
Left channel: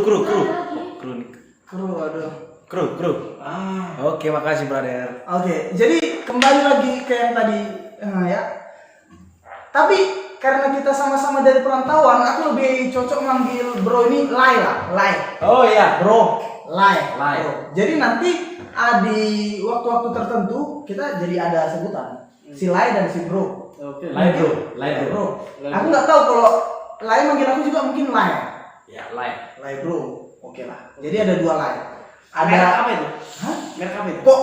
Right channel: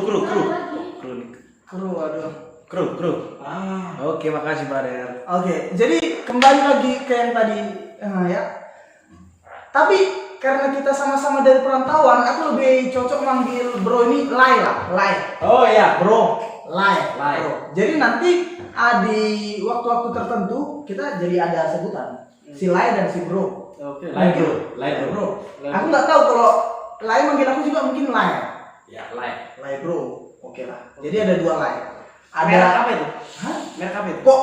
Aduh. Kru. Ah. Oke, makasih brother. Oke, jadi kembali lagi ke yang tadi ya. Tapi karena kita sama-sama dari perantauan, aku lebih cocok manggil bro ini Lai. Oh iya. Bro, Lai. Lai. Bro. Jadi nanti di waktu-waktu tertentu kita jadi ada sebutan si Lai dan si Bro. Oke. Lai, Bro. Bro. Aku nggak tahu kalau Lai manggil aku juga mungkin Lai. Ya, Lai. Lai Bro. Oke lah. Jadi ada 2 Lai. Merek Ada apa itu? Hah? Merek apa itu? Kok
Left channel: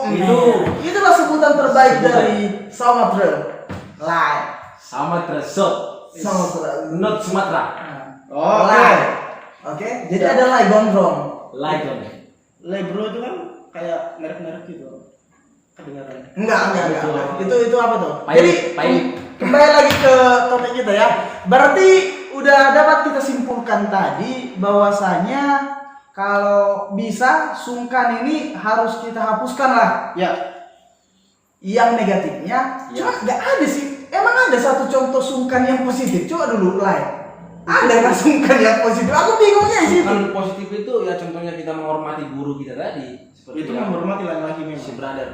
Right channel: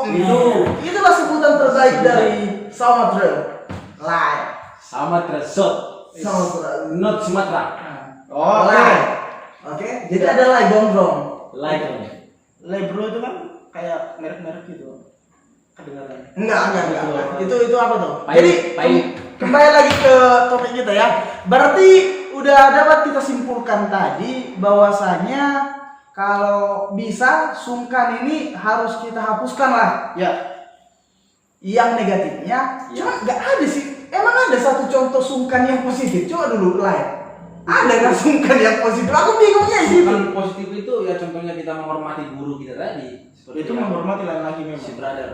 itulah sebutan terbaik dari Sumatera. Lai. Sama Tresot. Sumatera. Not Sumatera. Oh, Lai. Oke. Jadi ada Lai gondrong. Lai dong. Lebro itu kan kayak merek-merek gitu. Kedengaran. Enggak. Itu apa tuh? Pahit, Jadi pahit. kembali lagi ke topik kita ya. Berarti udah dapat kita simpulkan tadi bahwasanya kalau bisa sungkan ini harus kita hapuskan lah. Ya. Yang negatifnya, cuma nggak ada sih. Emang ada satu contoh sungkan yang positif? Coba dulu Lai. Ada nggak sungkan yang positif? Aku bingungnya di situ. Yang positif itu ya contohnya kita menghormati guru kita tadi. Seperti Itu yang menghormati lain lagi si memang. brother.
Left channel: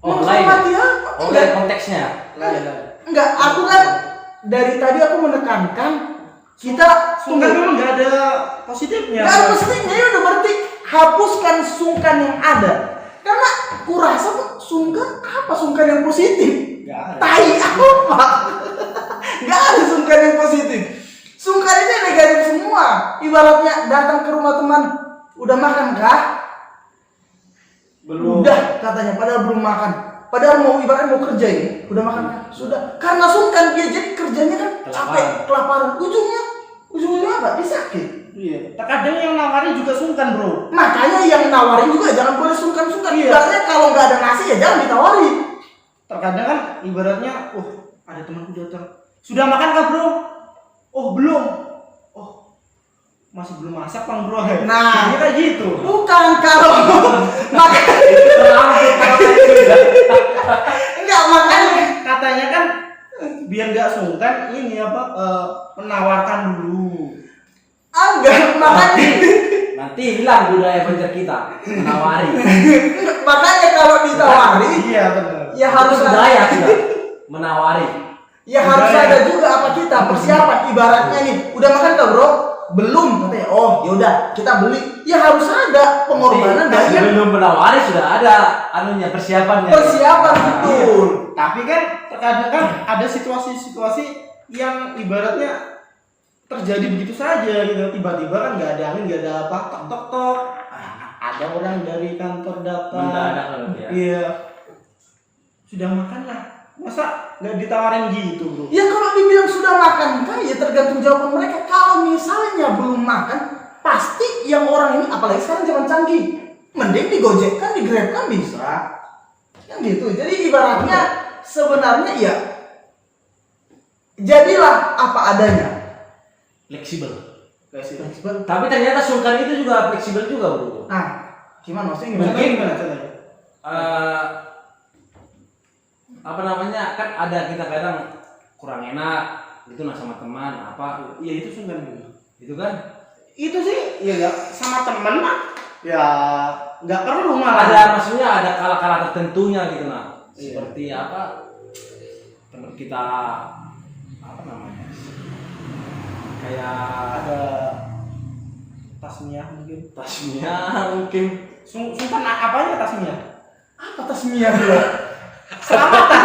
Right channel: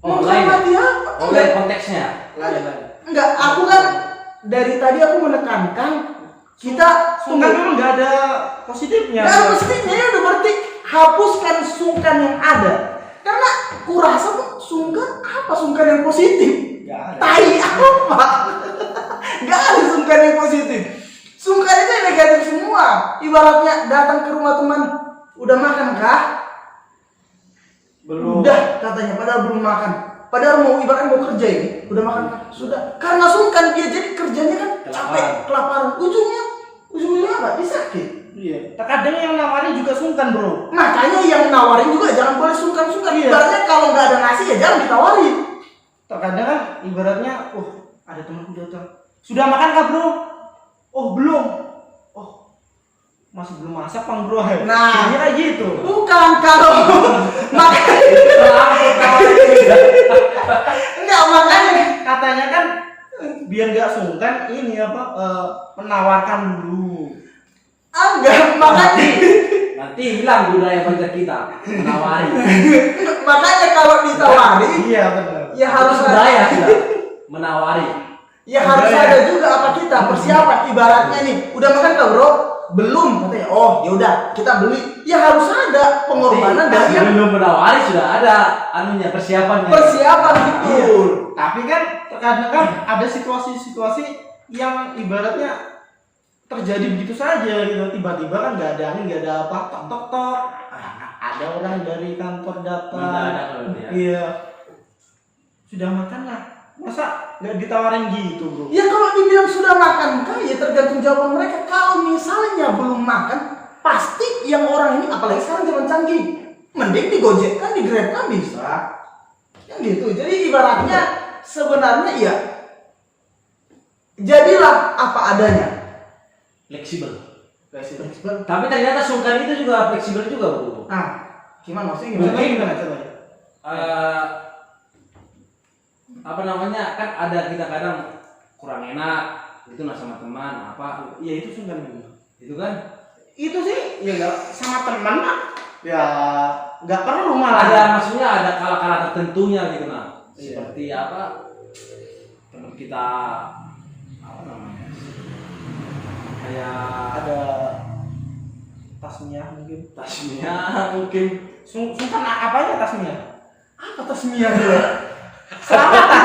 Menghormati apa? Oh, Enggak. lain konteksnya. Lain. Enggak, aku kan dari tadi aku menekankan kita Sungkan memang nggak ada positifnya. Nggak ada positifnya, ya udah berarti hapuskan sungkan yang ada. Karena kurasa sungkan yang positif. Nggak ada. Tai apa? Nggak ada sungkan yang positif. Sungkan itu yang negatif semua. Ibaratnya datang ke rumah teman, udah makan kah? Belum. Udah katanya, padahal belum makan. Padahal ibaratnya mau kerja ini, udah makan kah? Sudah. Karena sungkan dia jadi kerjanya kan capek, kelaparan. Ujungnya apa? Dia sakit. Iya. Terkadang yang nawarin juga sungkan, Bro. Makanya yang nawarin juga jangan boleh sungkan-sungkan. Iya. Ibaratnya kalau nggak ada nasi ya jangan ditawarin. Terkadang kan ibaratnya, ada temanku datang. Sudah makan kah, Bro? Oh, belum. Oh, masih belum masak, Bang, Bro. Nah. kira gitu. Bukan kalau makan. Enggak makanya. Katanya kan biar nggak sungkan ini menawarkan dulu. Enggak makanya. Nanti hilang budaya belajar kita menawari. Makanya kalau ditawari Iya, benar. ya harus Itu ada. budaya sih ya. Menawari. Ya harus Budaya. ada juga apa kita persiapan ibaratnya nih. Udah makan tuh, Bro? belum katanya. Oh, yaudah kita beli. Ya harus ada pengorbanan dari yang belum menawari sudah ada anunya persiapannya. persiapan gitu. Tapi kan terkadang kan ada situasi-situasi yang ibaratnya terjadi begitu saja gitu. Tiba-tiba kan nggak ada angin, nggak ada apa, tok tok tok. Ada orang dari kantor datang. Mendadak loh dia. Iya. Sudah makan lah. Masa nggak ditawarin gitu, bro? Ya kalau dibilang sudah makan kan ya tergantung jawaban mereka. Kalau misalnya belum makan, pasti yang orang ini apalagi sekarang zaman canggih, mending digojekkan, di Grab kan bisa. Kan gitu. Jadi ibaratnya sebenarnya ya jadilah apa adanya. Fleksibel. Fleksibel. Tapi ternyata sungkan itu juga fleksibel juga, bro. Nah, gimana maksudnya gimana? Contohnya? Apa namanya, kan ada kita kadang kurang enak gitu nah sama teman apa, Ya itu sungkan juga. itu kan Itu sih ya nggak sama temen lah. Ya nggak perlu malah. ada, maksudnya ada kala-kala tertentunya gitu nah. Iya. Seperti apa, teman kita apa namanya, kayak Ada tasnya mungkin. tasnya mungkin Sungkan apanya tasnya? Apa tasmiyah dulu? Selamatan.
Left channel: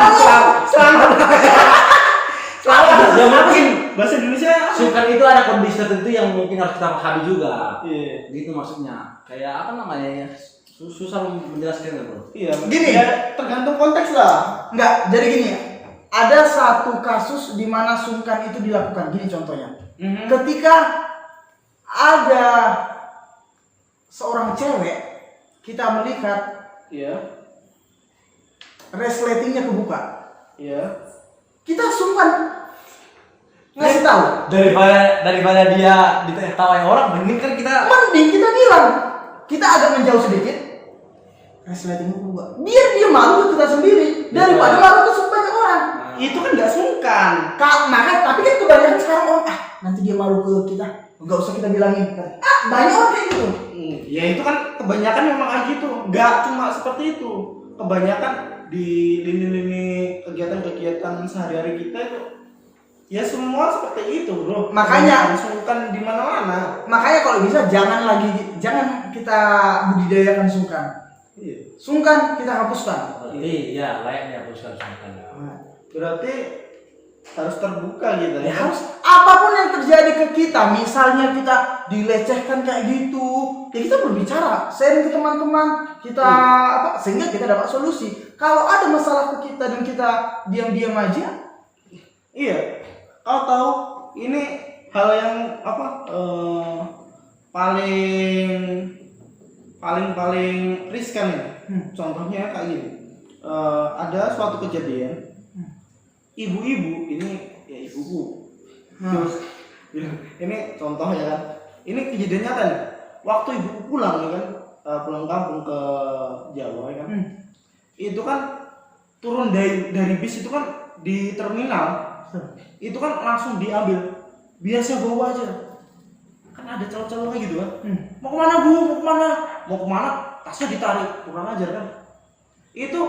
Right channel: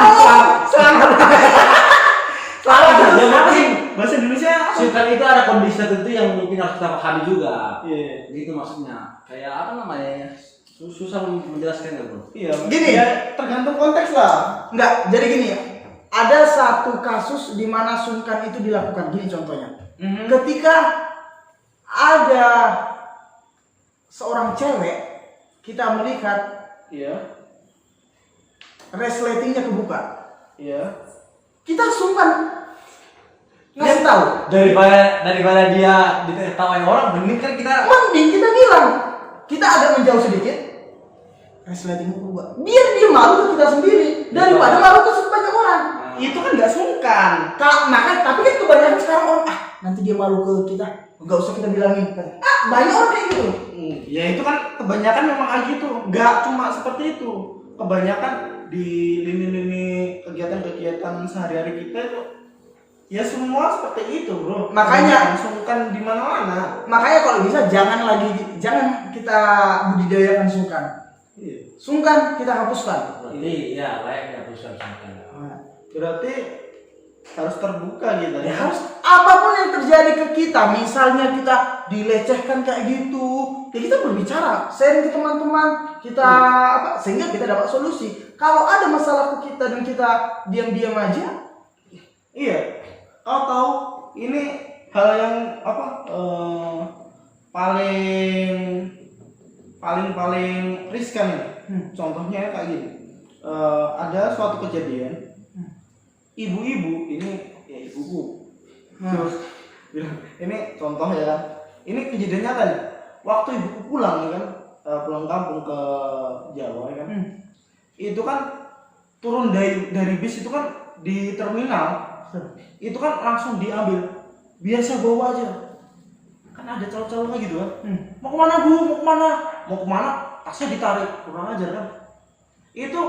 ya mungkin Bahasa Indonesia apa? sungkan itu ada kondisi tertentu yang mungkin harus kita pahami juga. Iya. Gitu maksudnya. Kayak apa namanya? Susah menjelaskan bro. Iya. Gini. Ya, tergantung konteks lah. Enggak, jadi gini ya. Ada satu kasus di mana sungkan itu dilakukan. Gini contohnya. Ketika ada seorang cewek, kita melihat Iya. resletingnya kebuka. Iya. Kita sungkan ngasih tahu. Daripada dia ditawain orang, mending kan kita Mending kita bilang, kita agak menjauh sedikit. Resletingnya kebuka. Biar dia malu ke kita sendiri daripada malu ke banyak orang. Itu kan nggak sungkan. Makanya, tapi kan kebanyakan sekarang orang nanti dia malu ke kita, nggak usah kita bilangin. Banyak orang kayak gitu. Ya itu kan kebanyakan memang kayak gitu. Nggak cuma seperti itu. Kebanyakan di lini-lini kegiatan-kegiatan sehari-hari kita itu ya semua seperti itu, bro. Makanya sungkan di mana-mana. Makanya kalau bisa jangan kita budidayakan sungkan. Iya. Sungkan kita hapuskan. berarti ya layaknya hapuskan sungkan. Berarti harus terbuka gitu Ya ya. harus apapun yang terjadi ke kita, misalnya kita dilecehkan kayak gitu, ya kita berbicara, sharing ke teman-teman, kita apa sehingga kita dapat solusi. Kalau ada masalah ke kita dan kita diam-diam aja, Iya. Kau tahu ini hal yang apa paling riskan ya. Contohnya kayak gini. Ada suatu kejadian ibu-ibu ini ya ibuku terus bilang, ini contoh ya kan, ini kejadian nyata nih. Waktu ibuku pulang ya kan, pulang kampung ke Jawa ya kan, itu kan turun dari bis itu kan di terminal itu kan langsung diambil, biasa bawa aja kan, ada calo-calonya gitu kan. Mau kemana bu, mau kemana, tasnya ditarik, kurang ajar kan. Itu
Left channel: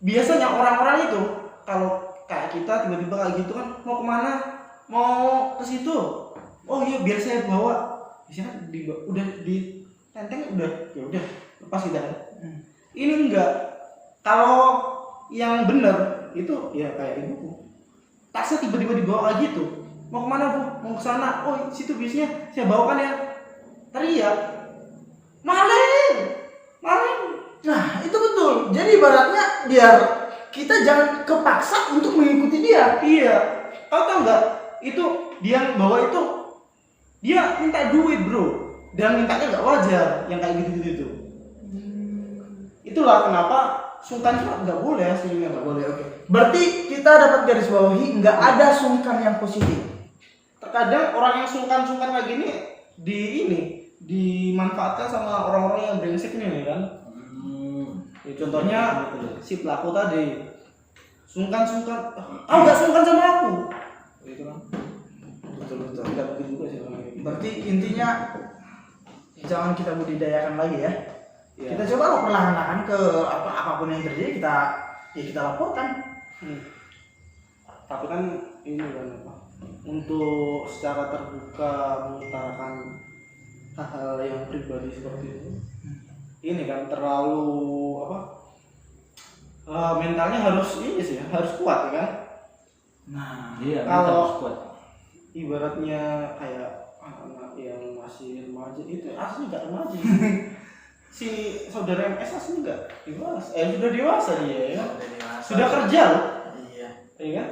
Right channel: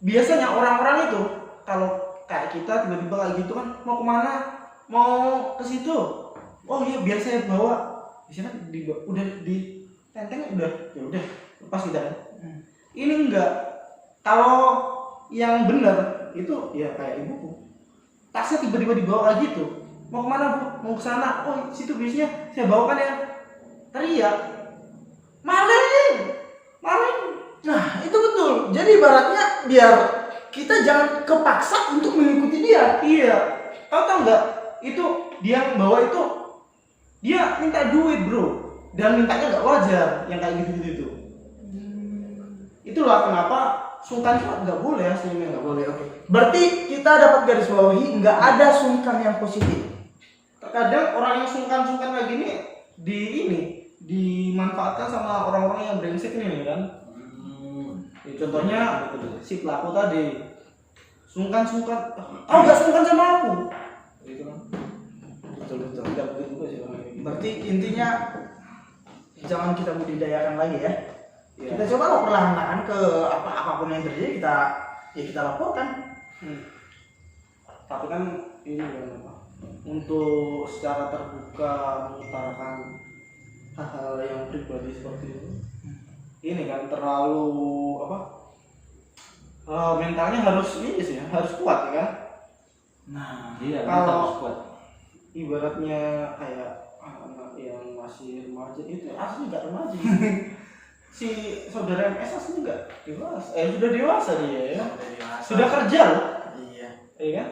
biasanya orang-orang itu kalau kayak kita tiba-tiba kayak gitu kan, mau kemana, mau ke situ, oh iya biar saya bawa, biasanya udah di tenteng, udah ya udah lepas kita kan. Ini enggak. Kalau yang benar itu ya kayak ibuku, tasnya tiba-tiba dibawa kayak gitu, mau kemana bu, mau ke sana, oh situ bisnya saya bawakan ya, teriak maling. nah itu betul. Jadi ibaratnya biar kita jangan kepaksa untuk mengikuti dia. Iya, kau tahu nggak? Itu dia bawa itu, dia minta duit bro, dan mintanya nggak wajar, yang kayak gitu-gitu itu. Itulah kenapa sungkan itu nggak boleh aslinya, nggak boleh. Oke. Berarti kita dapat garis bawahi nggak ada sungkan yang positif. Terkadang orang yang sungkan kayak gini dimanfaatkan sama orang-orang yang brengsek ini kan. Ya, contohnya si pelaku tadi sungkan, nggak sungkan sama aku, gitu kan. Betul nggak begitu juga sih orang ini. Berarti intinya jangan kita budidayakan lagi ya. Ya. Kita coba perlahan-lahan ke apapun yang terjadi kita laporkan. Tapi kan ini kan apa? untuk secara terbuka mengutarakan hal-hal yang pribadi seperti itu. Ini kan terlalu apa? Mentalnya harus ini sih, harus kuat ya kan. Nah, Iya, Kalau- kita harus kuat. Ibaratnya kayak anak yang masih remaja itu asli nggak remaja. Si saudara MS asli nggak dewasa, sudah dewasa dia ya. Sudah kerja loh, Iya. iya kan?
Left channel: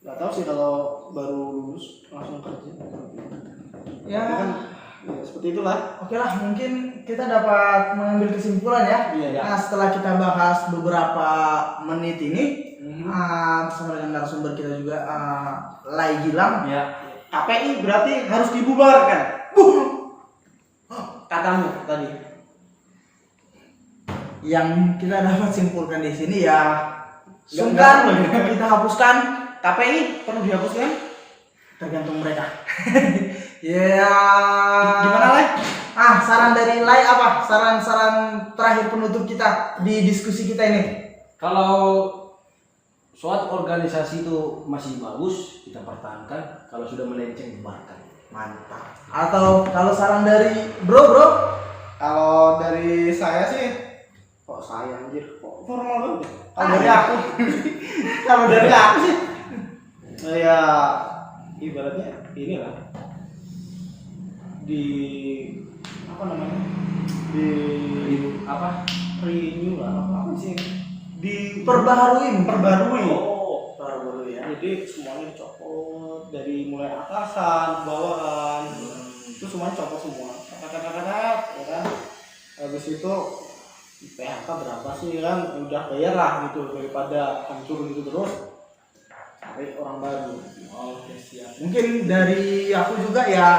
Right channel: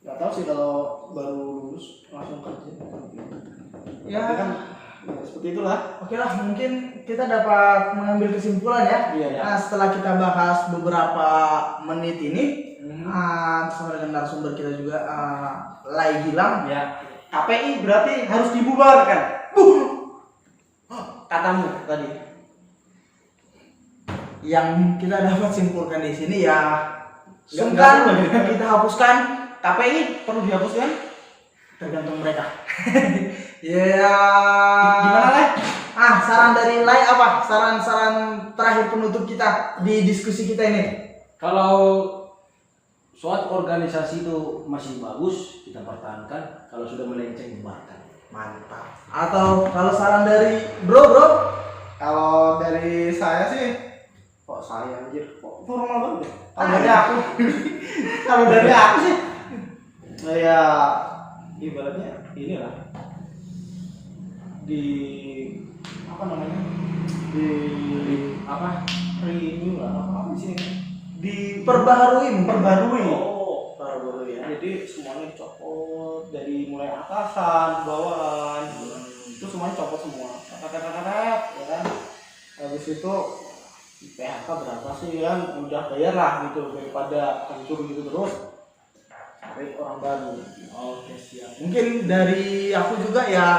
Nggak tahu sih kalau baru lulus langsung kerja. Ya. Tapi kan ya, seperti itulah. Oke lah, mungkin kita dapat mengambil kesimpulan ya. Iya, ya. Nah, setelah kita bahas beberapa menit ini, Mhm. bersama dengan narasumber kita juga, Lai Gilang. Ya. KPI berarti harus dibubarkan. Katamu tadi. Yang kita dapat simpulkan di sini ya, Nggak sungkan perlu. kita hapuskan, KPI perlu dihapuskan? tergantung mereka. Ya. Gimana lah? Saran dari Lai apa? Saran-saran terakhir penutup kita di diskusi kita ini. Kalau suatu organisasi itu masih bagus, kita pertahankan. Kalau sudah melenceng, bubarkan. Mantap. Atau kalau saran dari bro? Kalau dari saya sih, kok saya anjir, kok formal banget. Kalau dari aku, kalau dari aku sih, ya ibaratnya inilah di apa namanya di Apa? renew lah apa sih di Perbaharui. Oh. Perbaharui ya. jadi semuanya dicopot dari mulai atasan bawahan itu semuanya copot semua kakak ya kan habis itu PHK berapa sih kan udah bayar lah gitu daripada hancur gitu terus cari orang baru. Oke, siap. Mungkin dari aku juga ya,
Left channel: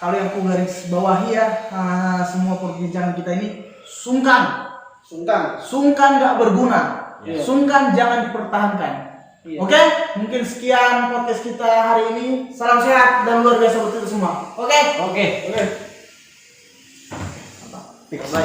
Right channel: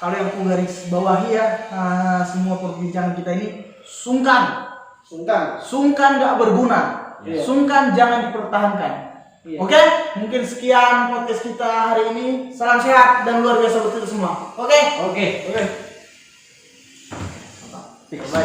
kalau yang aku garis bawahi ya, semua perbincangan kita ini sungkan nggak berguna, Iya. sungkan jangan dipertahankan. Iya. Oke, mungkin sekian podcast kita hari ini. Salam sehat dan luar biasa buat kita semua. Oke. Oke. Oke. Bye.